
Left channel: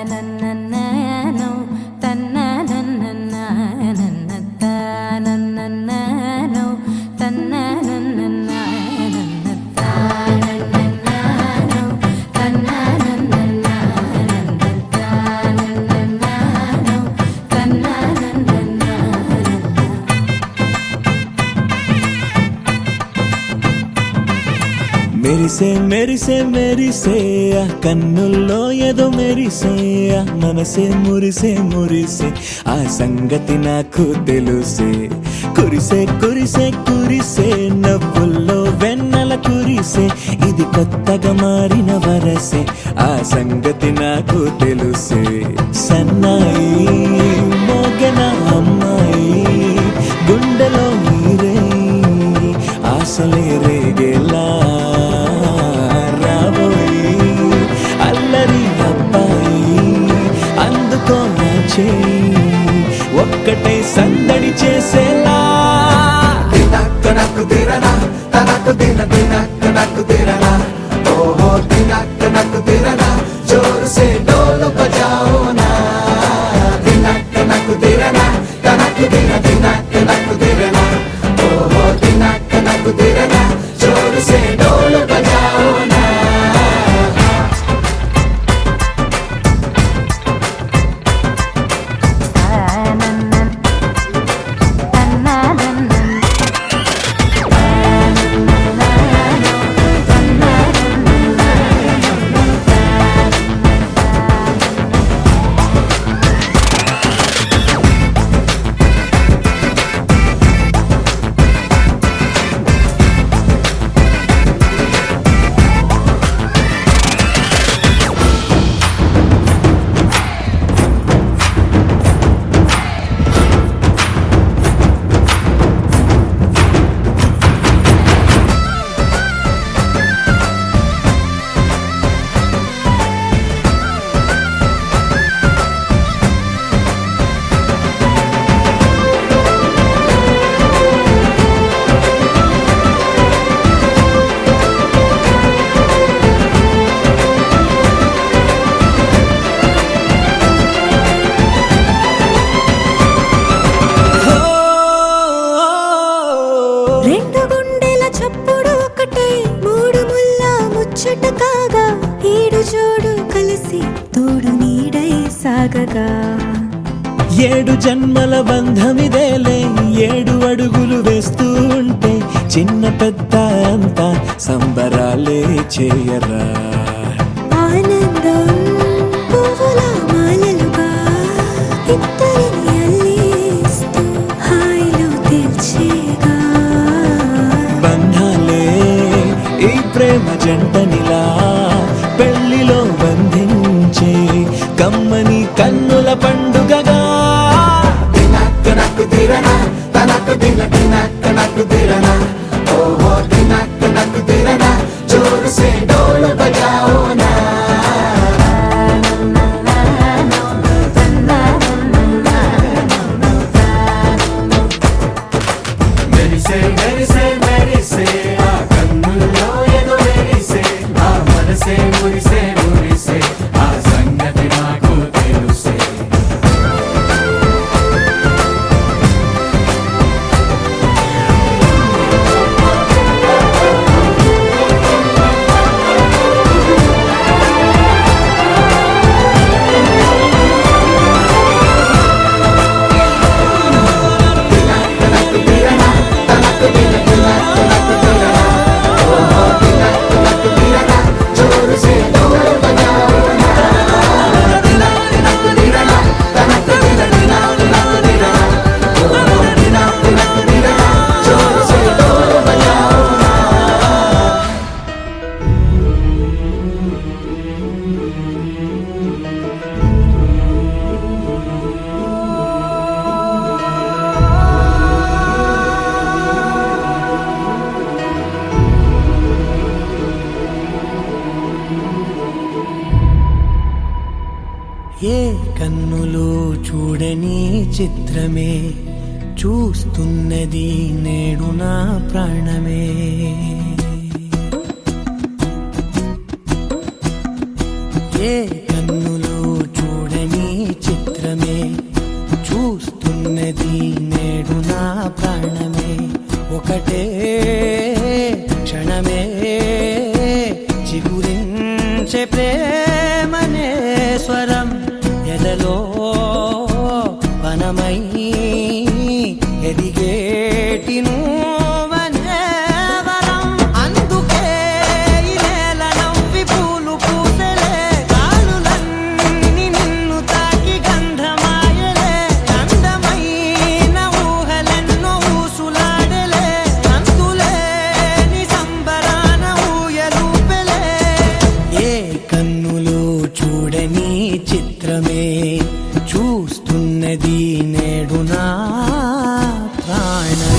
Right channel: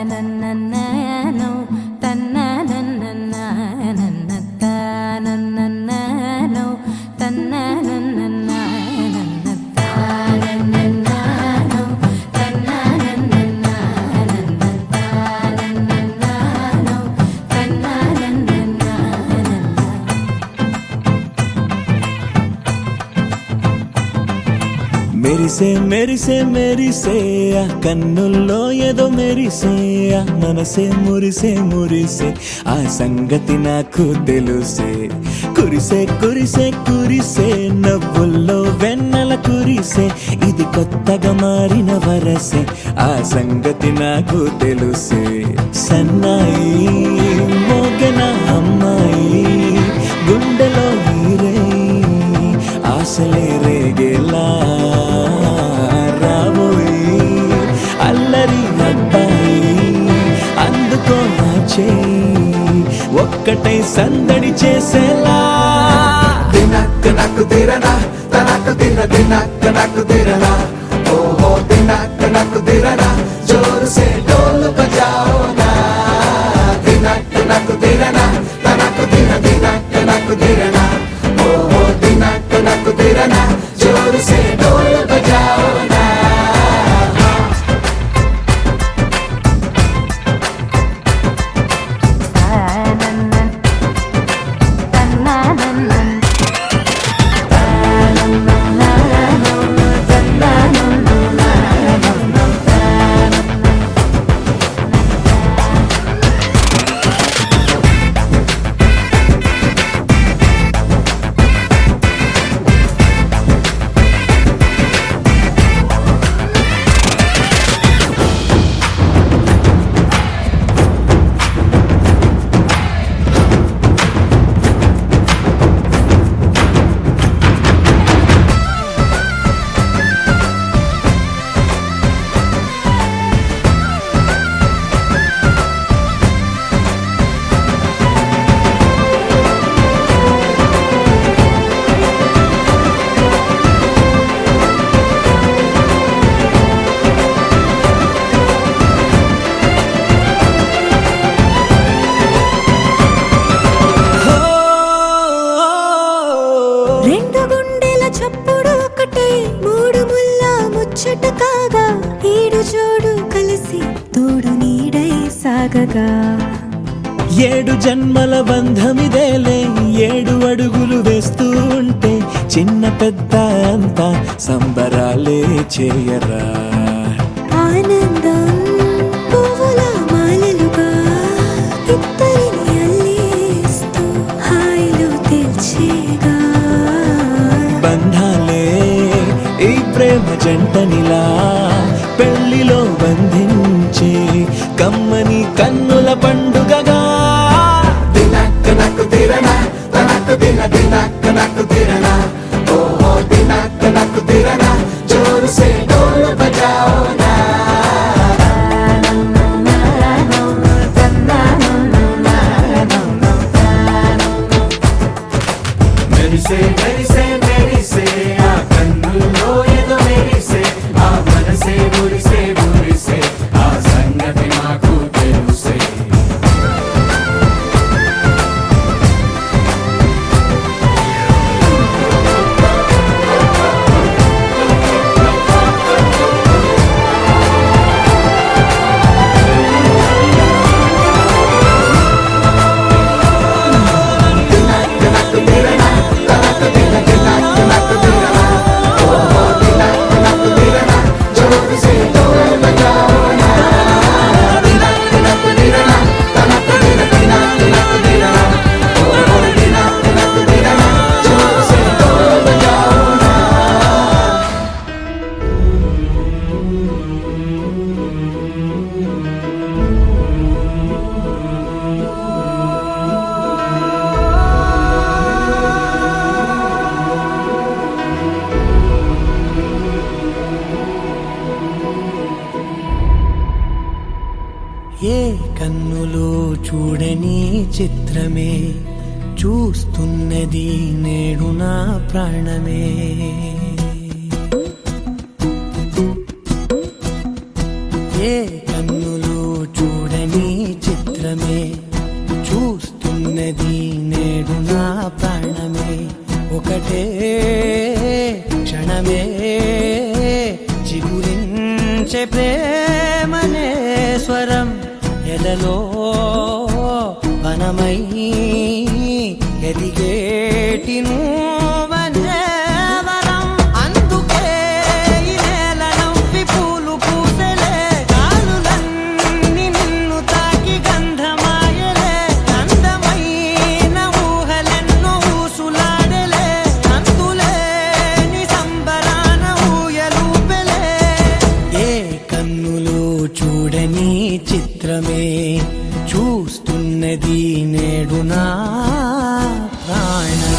తానన్నన్ననో తన్ననన్ననన్న తానన్నన్ననో తన్ననన్ననన్న తానన్నన్ననో తన్ననన్ననన్న తానన్నన్ననో తన్ననన్ననన్న మెరిసే మెరిసే మెరిసే ఆ కన్నుల్లో ఏదో మెరిసే ఆ మనసే మురిసే మురిసే ఆ సంగతి నాకు తెలుసే కురిసే కురిసే కురిసే నవ్వుల్లో వెన్నెల వెన్నెల కురిసే ఇది కొత్తగా మారిన వరసే ఆ సంగతి నాకు తెలుసే సన్నాయి మోగన అమ్మాయి గుండెలో ఈరే ఆశలే రేగేలా రాబోయి అల్లరి అబ్బాయి అందుకో నా చేయి ఒక్కటై సందడి చేసేలా దినక్క నాకు దిరనా తనకు దిన దినక్క నాకు దిరనా ఓహో దినక్క నాకు దిరనా జోరు సే డోలు బజాओ నా దినక్క నాకు దిరనా తనకు దిన దినక్క నాకు దిరనా ఓహో దినక్క నాకు దిరనా జోరు సే డోలు బజాओ నా రెండు గుండెల చప్పుడు ఒకటై మూడు ముల్ల ముచ్చట కాగా ఈడు జోడు కలిసి తోడు నీడై సాగగా ఏడు జన్మల బంధమిదేలే ఏడు అడుగులు వేస్తూ ఉంటే చిన్న పెద్ద అంతా సంబరాలే చేయరా ఆనందం పువ్వుల మాలలుగా ఇద్దరిని అల్లేస్తూ హాయిలో తెల్చేగా బంధాలే ఈ ప్రేమ జంటనిలా పెళ్లిలో బంధించే కమ్మని కన్నుల పండుగగా దినక్క నాకు దిరనా తనకు దిన దినక్క నాకు దిరనా ఓహో దినక్క నాకు దిరనా జోరు సే డోలు బజాओ నా మెరిసే మెరిసే మెరిసే ఆ కన్నుల్లో ఏదో మెరిసే ఆ మనసే మురిసే మురిసే ఆ సంగతి నాకు తెలుసే ఏ కన్నులు చూడని చిత్రమే చూస్తున్నది నేడు నా ప్రాణమే ఏ కన్నులు చూడని చిత్రమే చూస్తున్నది నేడు నా ప్రాణమే ఒకటే క్షణమే చిగురించే ప్రేమనే స్వరం ఎదలో వనమై ఎదిగేటి నువ్వనే వరం అందుకే ఈ నేల నవ్వి పూలు పూసెలే గాలులన్నీ నిన్ను తాకి గంధమాయలే అందమైన ఊహలెన్నో ఊసులాడలే అంతులేని సంబరా చూడని చిత్రమే చూస్తున్నది నేడు నా ప్రాణమే.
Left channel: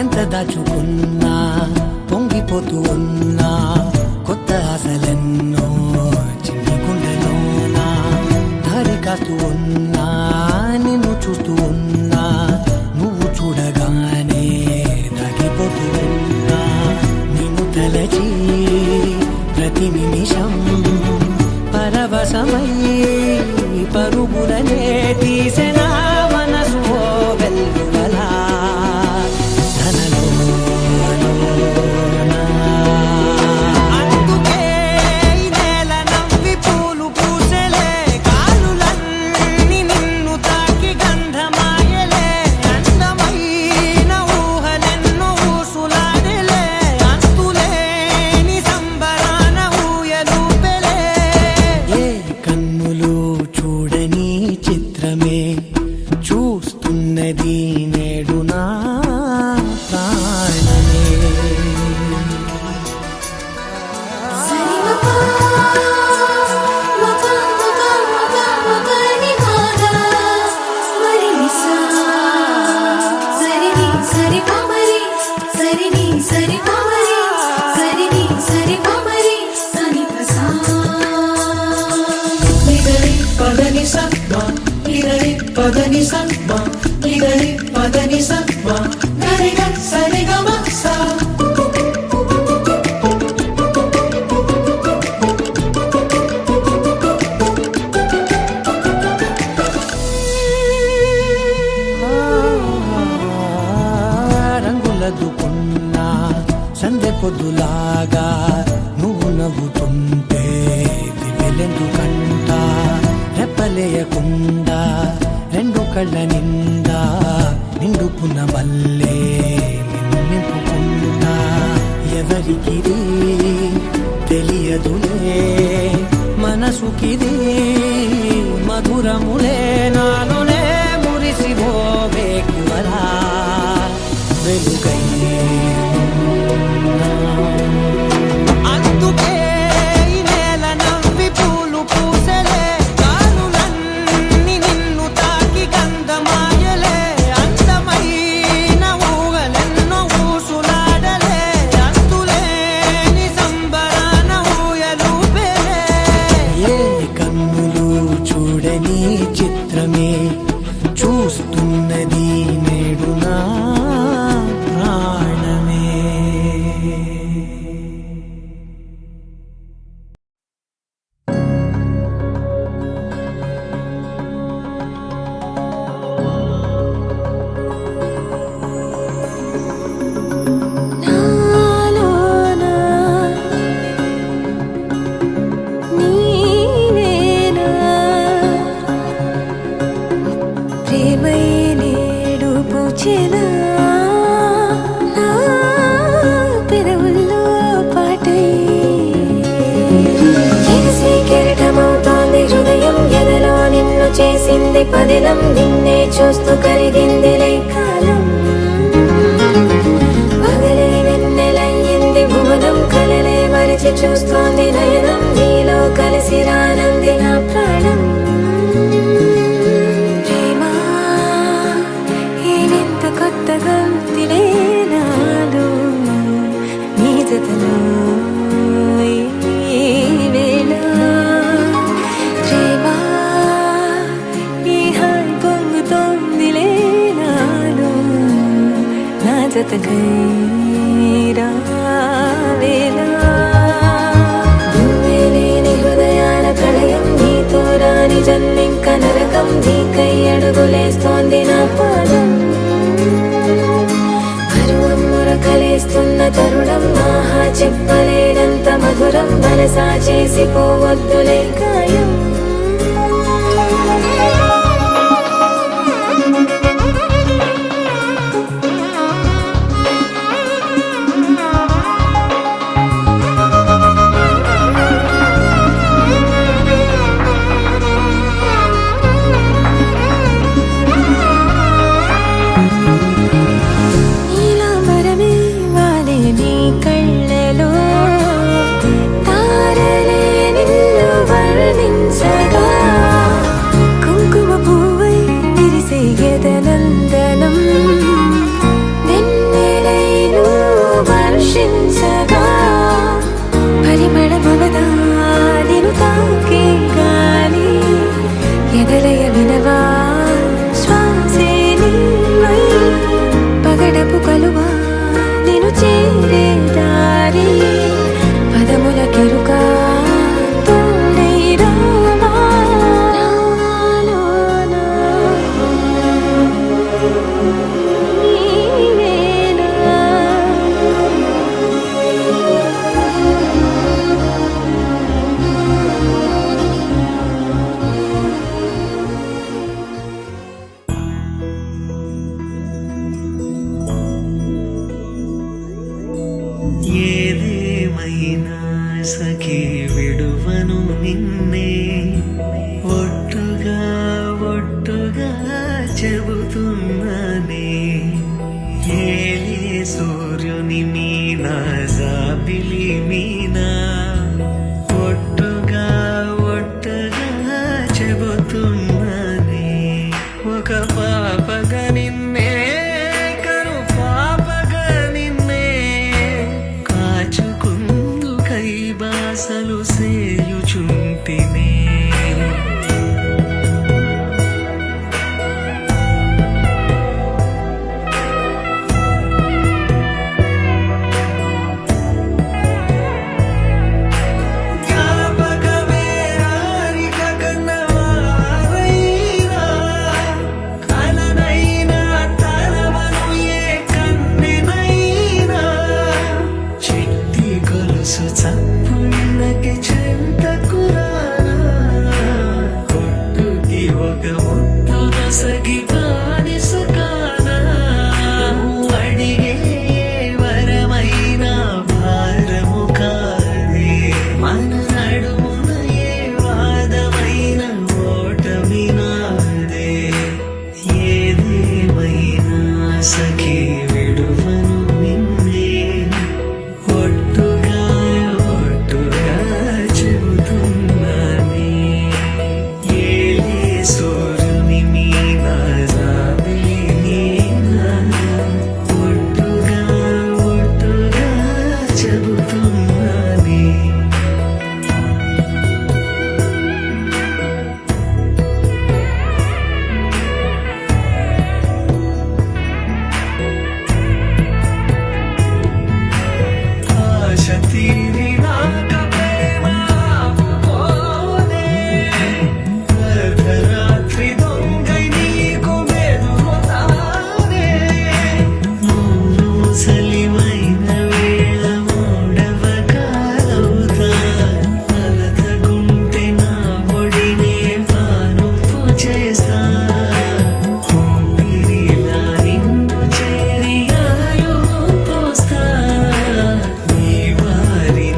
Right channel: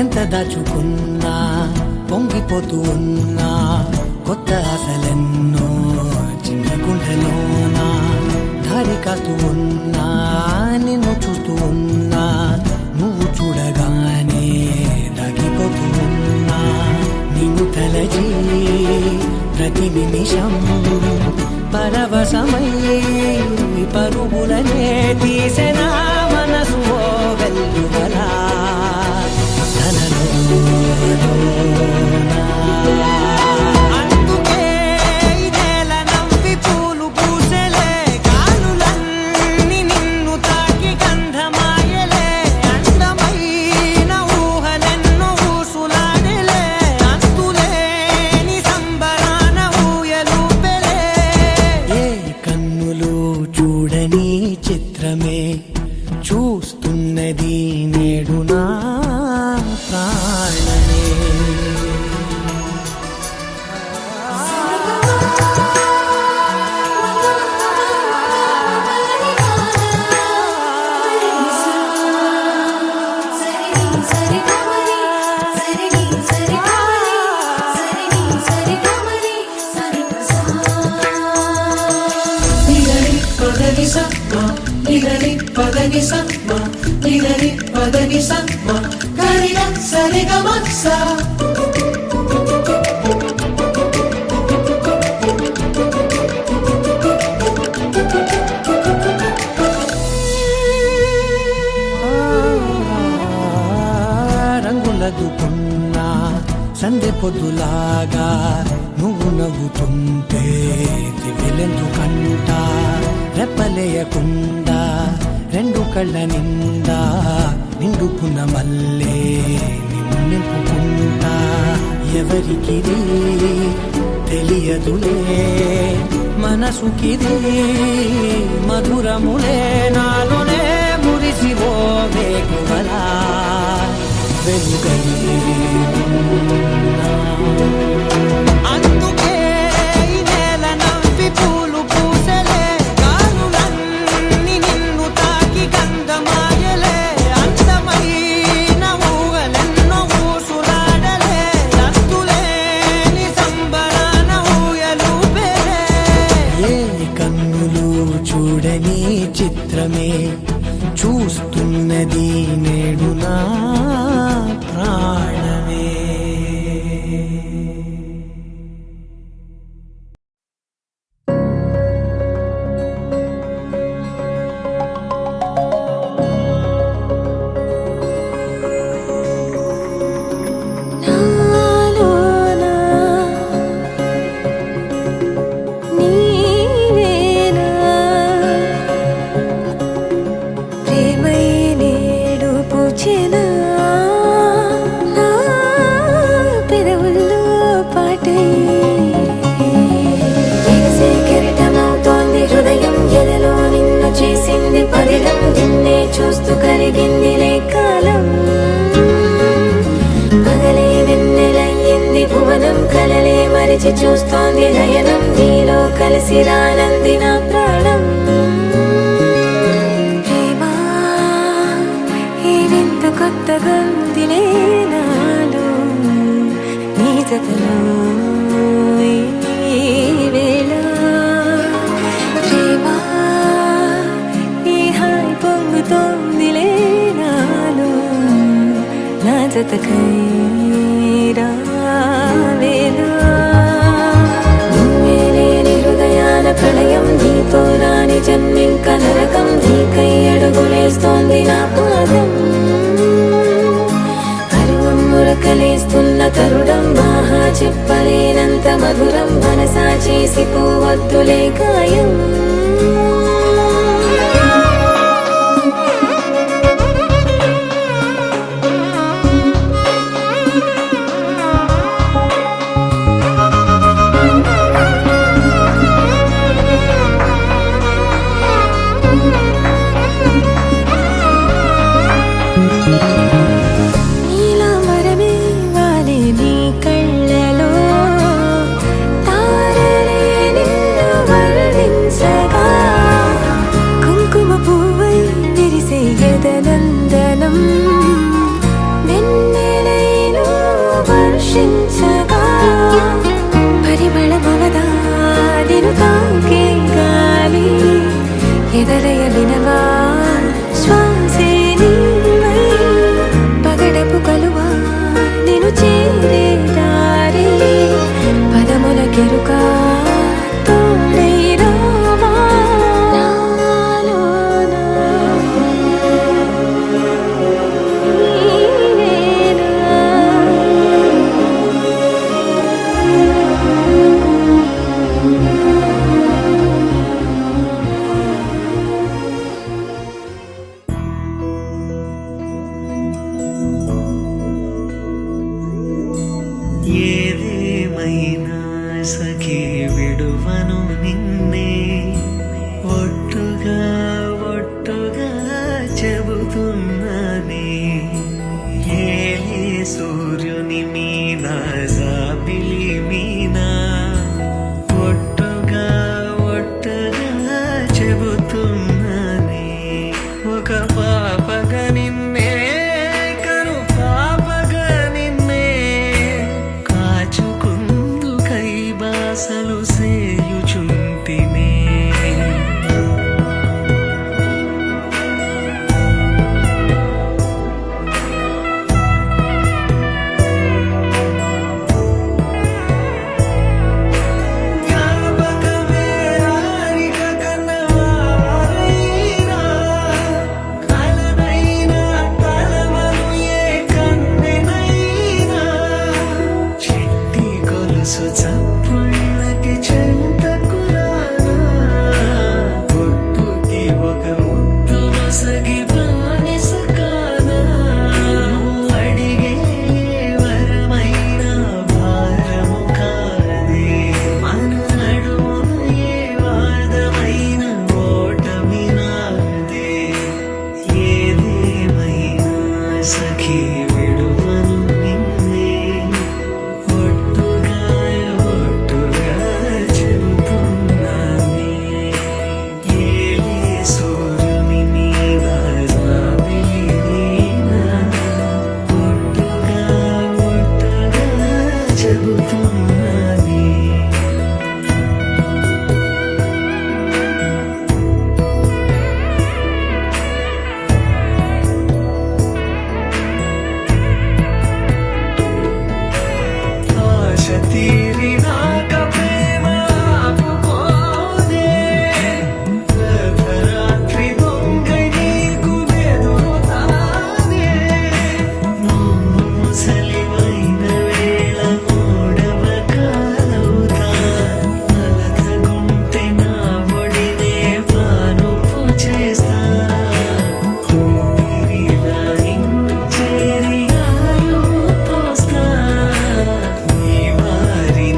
ఎంత దాచుకున్నా పొంగిపోతూ ఉన్నా కొత్త ఆశలెన్నో చిన్ని గుండెలోనా దారి కాస్తూ ఉన్నా నిన్ను చూస్తూ ఉన్నా నువ్వు చూడగానే దాగిపోతూ ఉన్నా నిన్ను తలచి ప్రతి నిమిషం పరవశమై పరుగులనే తీసెనా మనసు ఓ వెల్లువలా తనలోనా. అందుకే ఈ నేల నవ్వి పూలు పూసెలే కాలులన్నీ నిన్ను తాకి గంధమాయలే అందమైన ఊహలెన్నో ఊసులాడలే అంతులేని సంబరాన ఊయలూపెలే. ఏ కన్నులు చూడని చిత్రమే చూస్తున్నది నేడు నా ప్రాణమే. రంగులదుకున్నా సందె పొద్దులాగా నువ్వు నవ్వుతుంటే దివ్వెలెందుకంట రెప్పలేయకుండా రెండు కళ్ళ నిండా నిండుకున్న మల్లే నిన్ను నింపుకుంటా. ఎవరికిది తెలియదులే మనసుకిది మధురములే నాలోనే మురిసివో వేకువలా వెలుగై ఉన్నా. అందుకే ఈ నేల నవ్వి పూలు పూసెలే గాలులన్నీ నిన్ను తాకి గంధమాయలే అందమైన ఊగలెన్నో ఊసులాడలే అంతులేని సంబరాన ఊయలూపెలే. ఏ కన్నులు చూడని చిత్రమే చూస్తున్నది నేడు నా ప్రాణమే. పెదవుల్లో పాటై ఎగసే కెరటమవుతోంది హృదయం ఎదలో నిన్ను చేసింది పదిలం నిన్నే చూస్తూ కరిగిందిలే కాలం పగలే వెన్నెలయ్యింది భువనం కలలే మరిచి చూస్తోంది నయనం నీలో కలిసి రానంది నా ప్రాణం. కొత్తగా ఉందిలే నాలో నీ జతలో ఈ వేళ ప్రేమ ఈ హాయి పొంగుతోందిలే నాలో నా జతకై రావేళ. నువ్వే లేని హృదయాల ప్రళయం నీతో రాని జన్మింక నరకం నీకై అడుగులేస్తోంది నా పాదం కలిస్తున్న తరుణం మహా చెప్పలేనంత మధురం మన మనసా చేసి పోవద్దులే గాయం నీలాంబరమే వాలే నీ కళ్ళలో తారలే నిన్ను వర్ణించగా కుంకుమ పువ్వై విరిసే ఎదనందనం వెన్నెలైను వర్షించగా పరిమళమవదా నిను తాకే గాలి ఎదలయ వినవా శ్వాసే నీవై పగడపు కలువా నిను చేరే దారి పదముల కెరుక తోడై రావా నాలోనా నీవేనా ఏదేమైనా సఖీ విడువను నిన్నే ఒట్టుగా ఒట్టుగా చెబుతున్నానే ఏలే సూర్యుని మీనా జాబిలి మీనా ఒట్టుగా ఒట్టుగా చెబుతున్నానే ఒక పాపగా నిన్నే కను పాపగా నిన్నే కాచుకుందు కై బాసలు సేయుచుంటినే జ్ఞాపకమే రారిక కన్నవారైనా కలనైనా తలవను ఏ కన్నెనైనా చిట్టి గొలుసు చప్పుళ్ళకి చెంతకురానా పొట్టుకి ఒక ముద్దు నొసగి బానిస కానా అడిగే వరమైన భారము కాదే మన నడుమున ఏ వాదమైన ఓటమి నాదే ఏదేమైనా సఖీ విడువను నిన్నే ఒట్టుగా ఒట్టుగా చెబుతున్నానే ఏలే సూర్యుని మీనా జాబిలి మీనా ఒట్టుగా ఒట్టుగా చెబుతున్నానే ఆశ తీరినాక ప్రేమ ఆపుకోదే అర్ధరాత్రి దొంగై నీకు బెదురుతానే నువ్వు ముసలివైన వేళ మూడవ కాలవుతా అలతగుంటే నా ఒడినే పానుపు చేస్తా ఊపిరిలా నిన్ను చేరి ఆయువు పోస్తా నీ వారి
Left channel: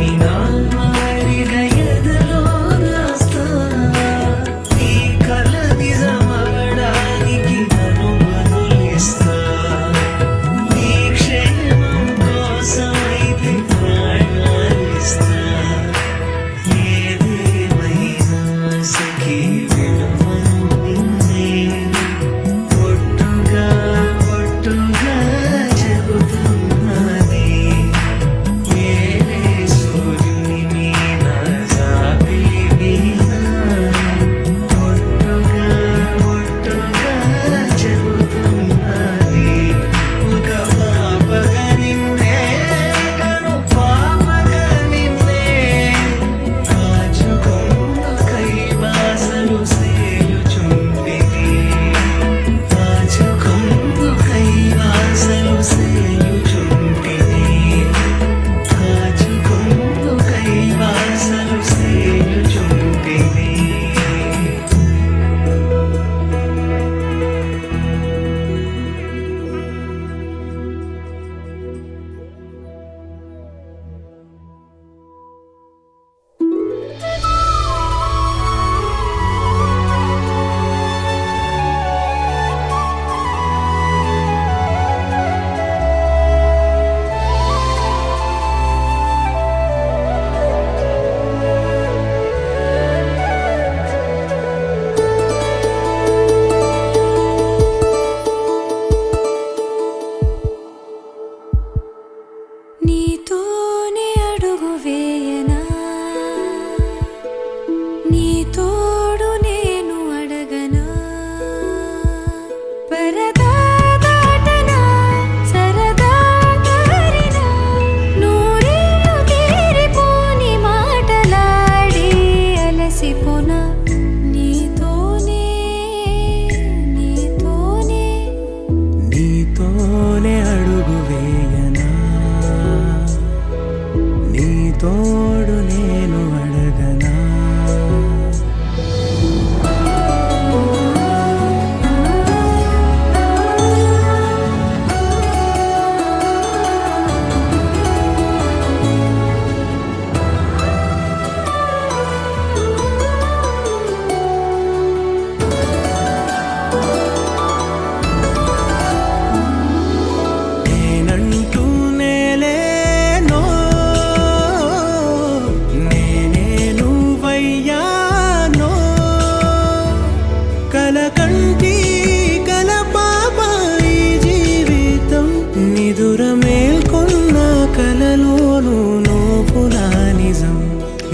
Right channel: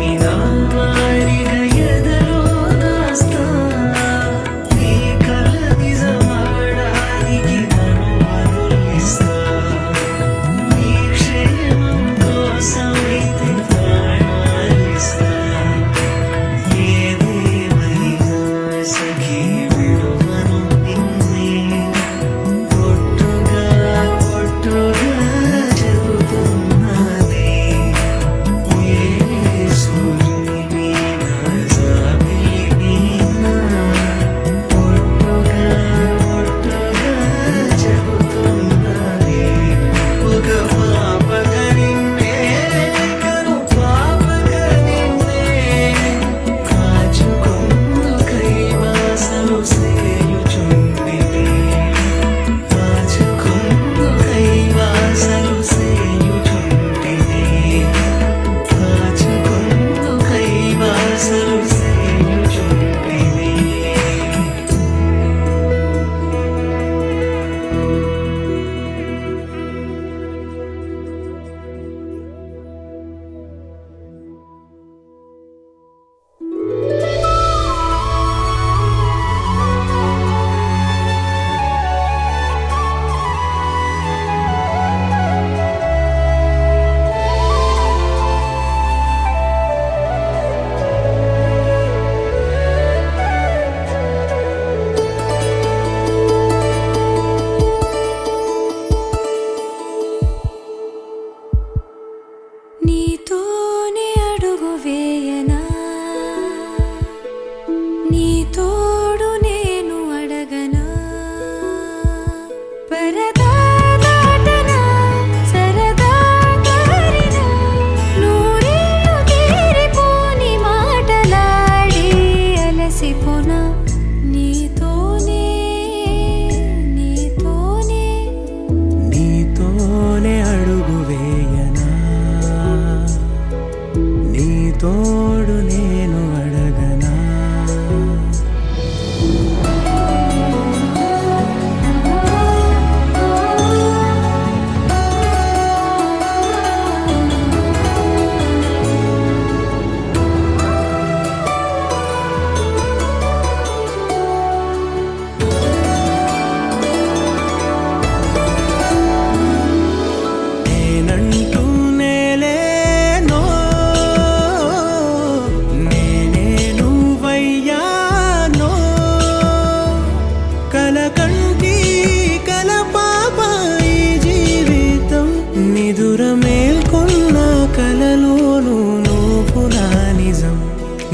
తోడు నేను అడగనా నేనంటూ నేలేనో నేనే నువ్వయ్యానో కలకంటి కలపాప ఈ జీవితం నిదుర మేల్కొన్న కలలోను నువ్వు నా నిజం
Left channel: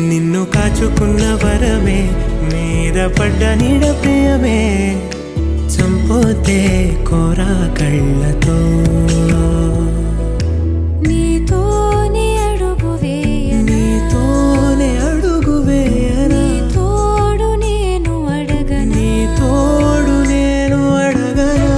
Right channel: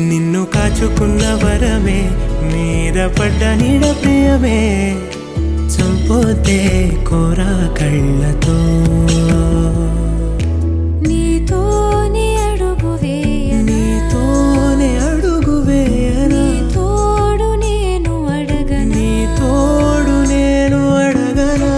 నిన్ను కాచుకున్న వరమే మీద పడ్డ నీడ ప్రియమే చంపోతే కోరా కళ్ళతో నీతోనే అడుగు వేయనా నీతోనే అడుగు వేయనా నీ తోడు నేను అడగనా నీ తోడు నేను అడగనా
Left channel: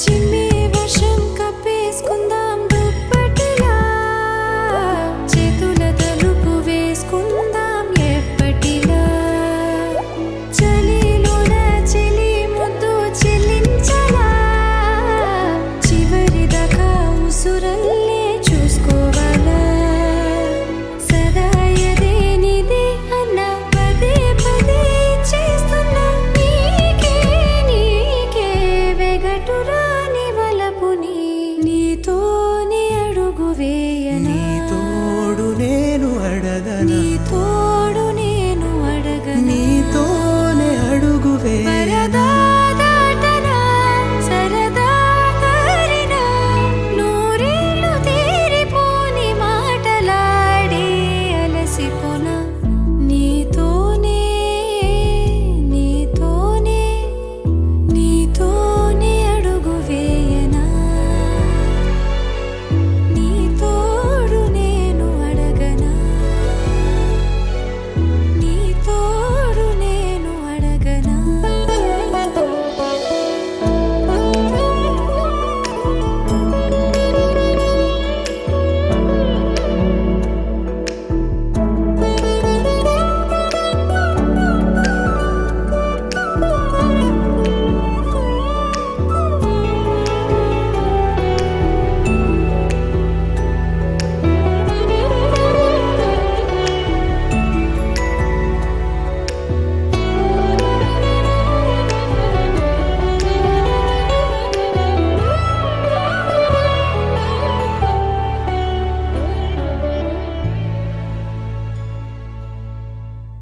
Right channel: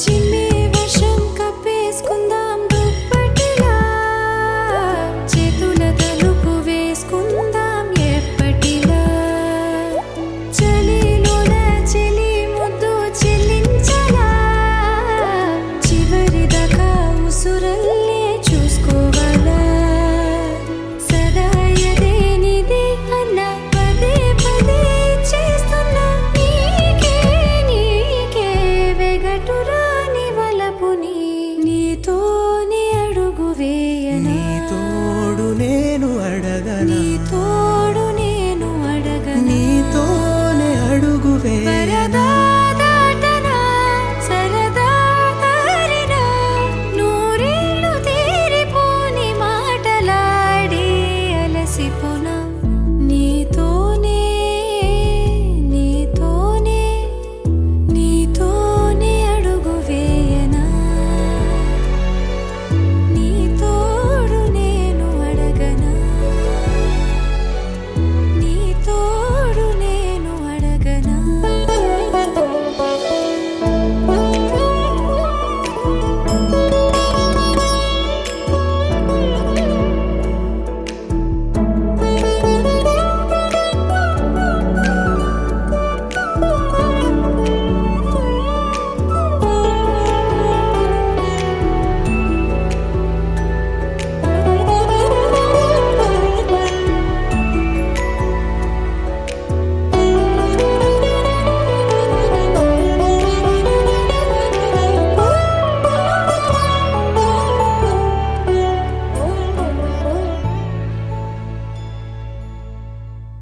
చిమ్మే వర్షం కప్పేసుకుందాం దుప్పటిలా చేతుల తలుపు వేసుకుందాం ఎప్పటిలా చలిలోన చెలి ముద్దు చెల్లించలా చివరి దాకా ఉసురల్లే చూసుకోవాలా సదా ఎదే నీదే అన్న పదే పదే చేస్తున్నా నీకే వెగటురాని వలపుని నీతోనే అడుగు వేయనా నీ తోడు నేను అడగనా నీ తోడు నేను అడగనా నీతోనే అడుగు వేయనా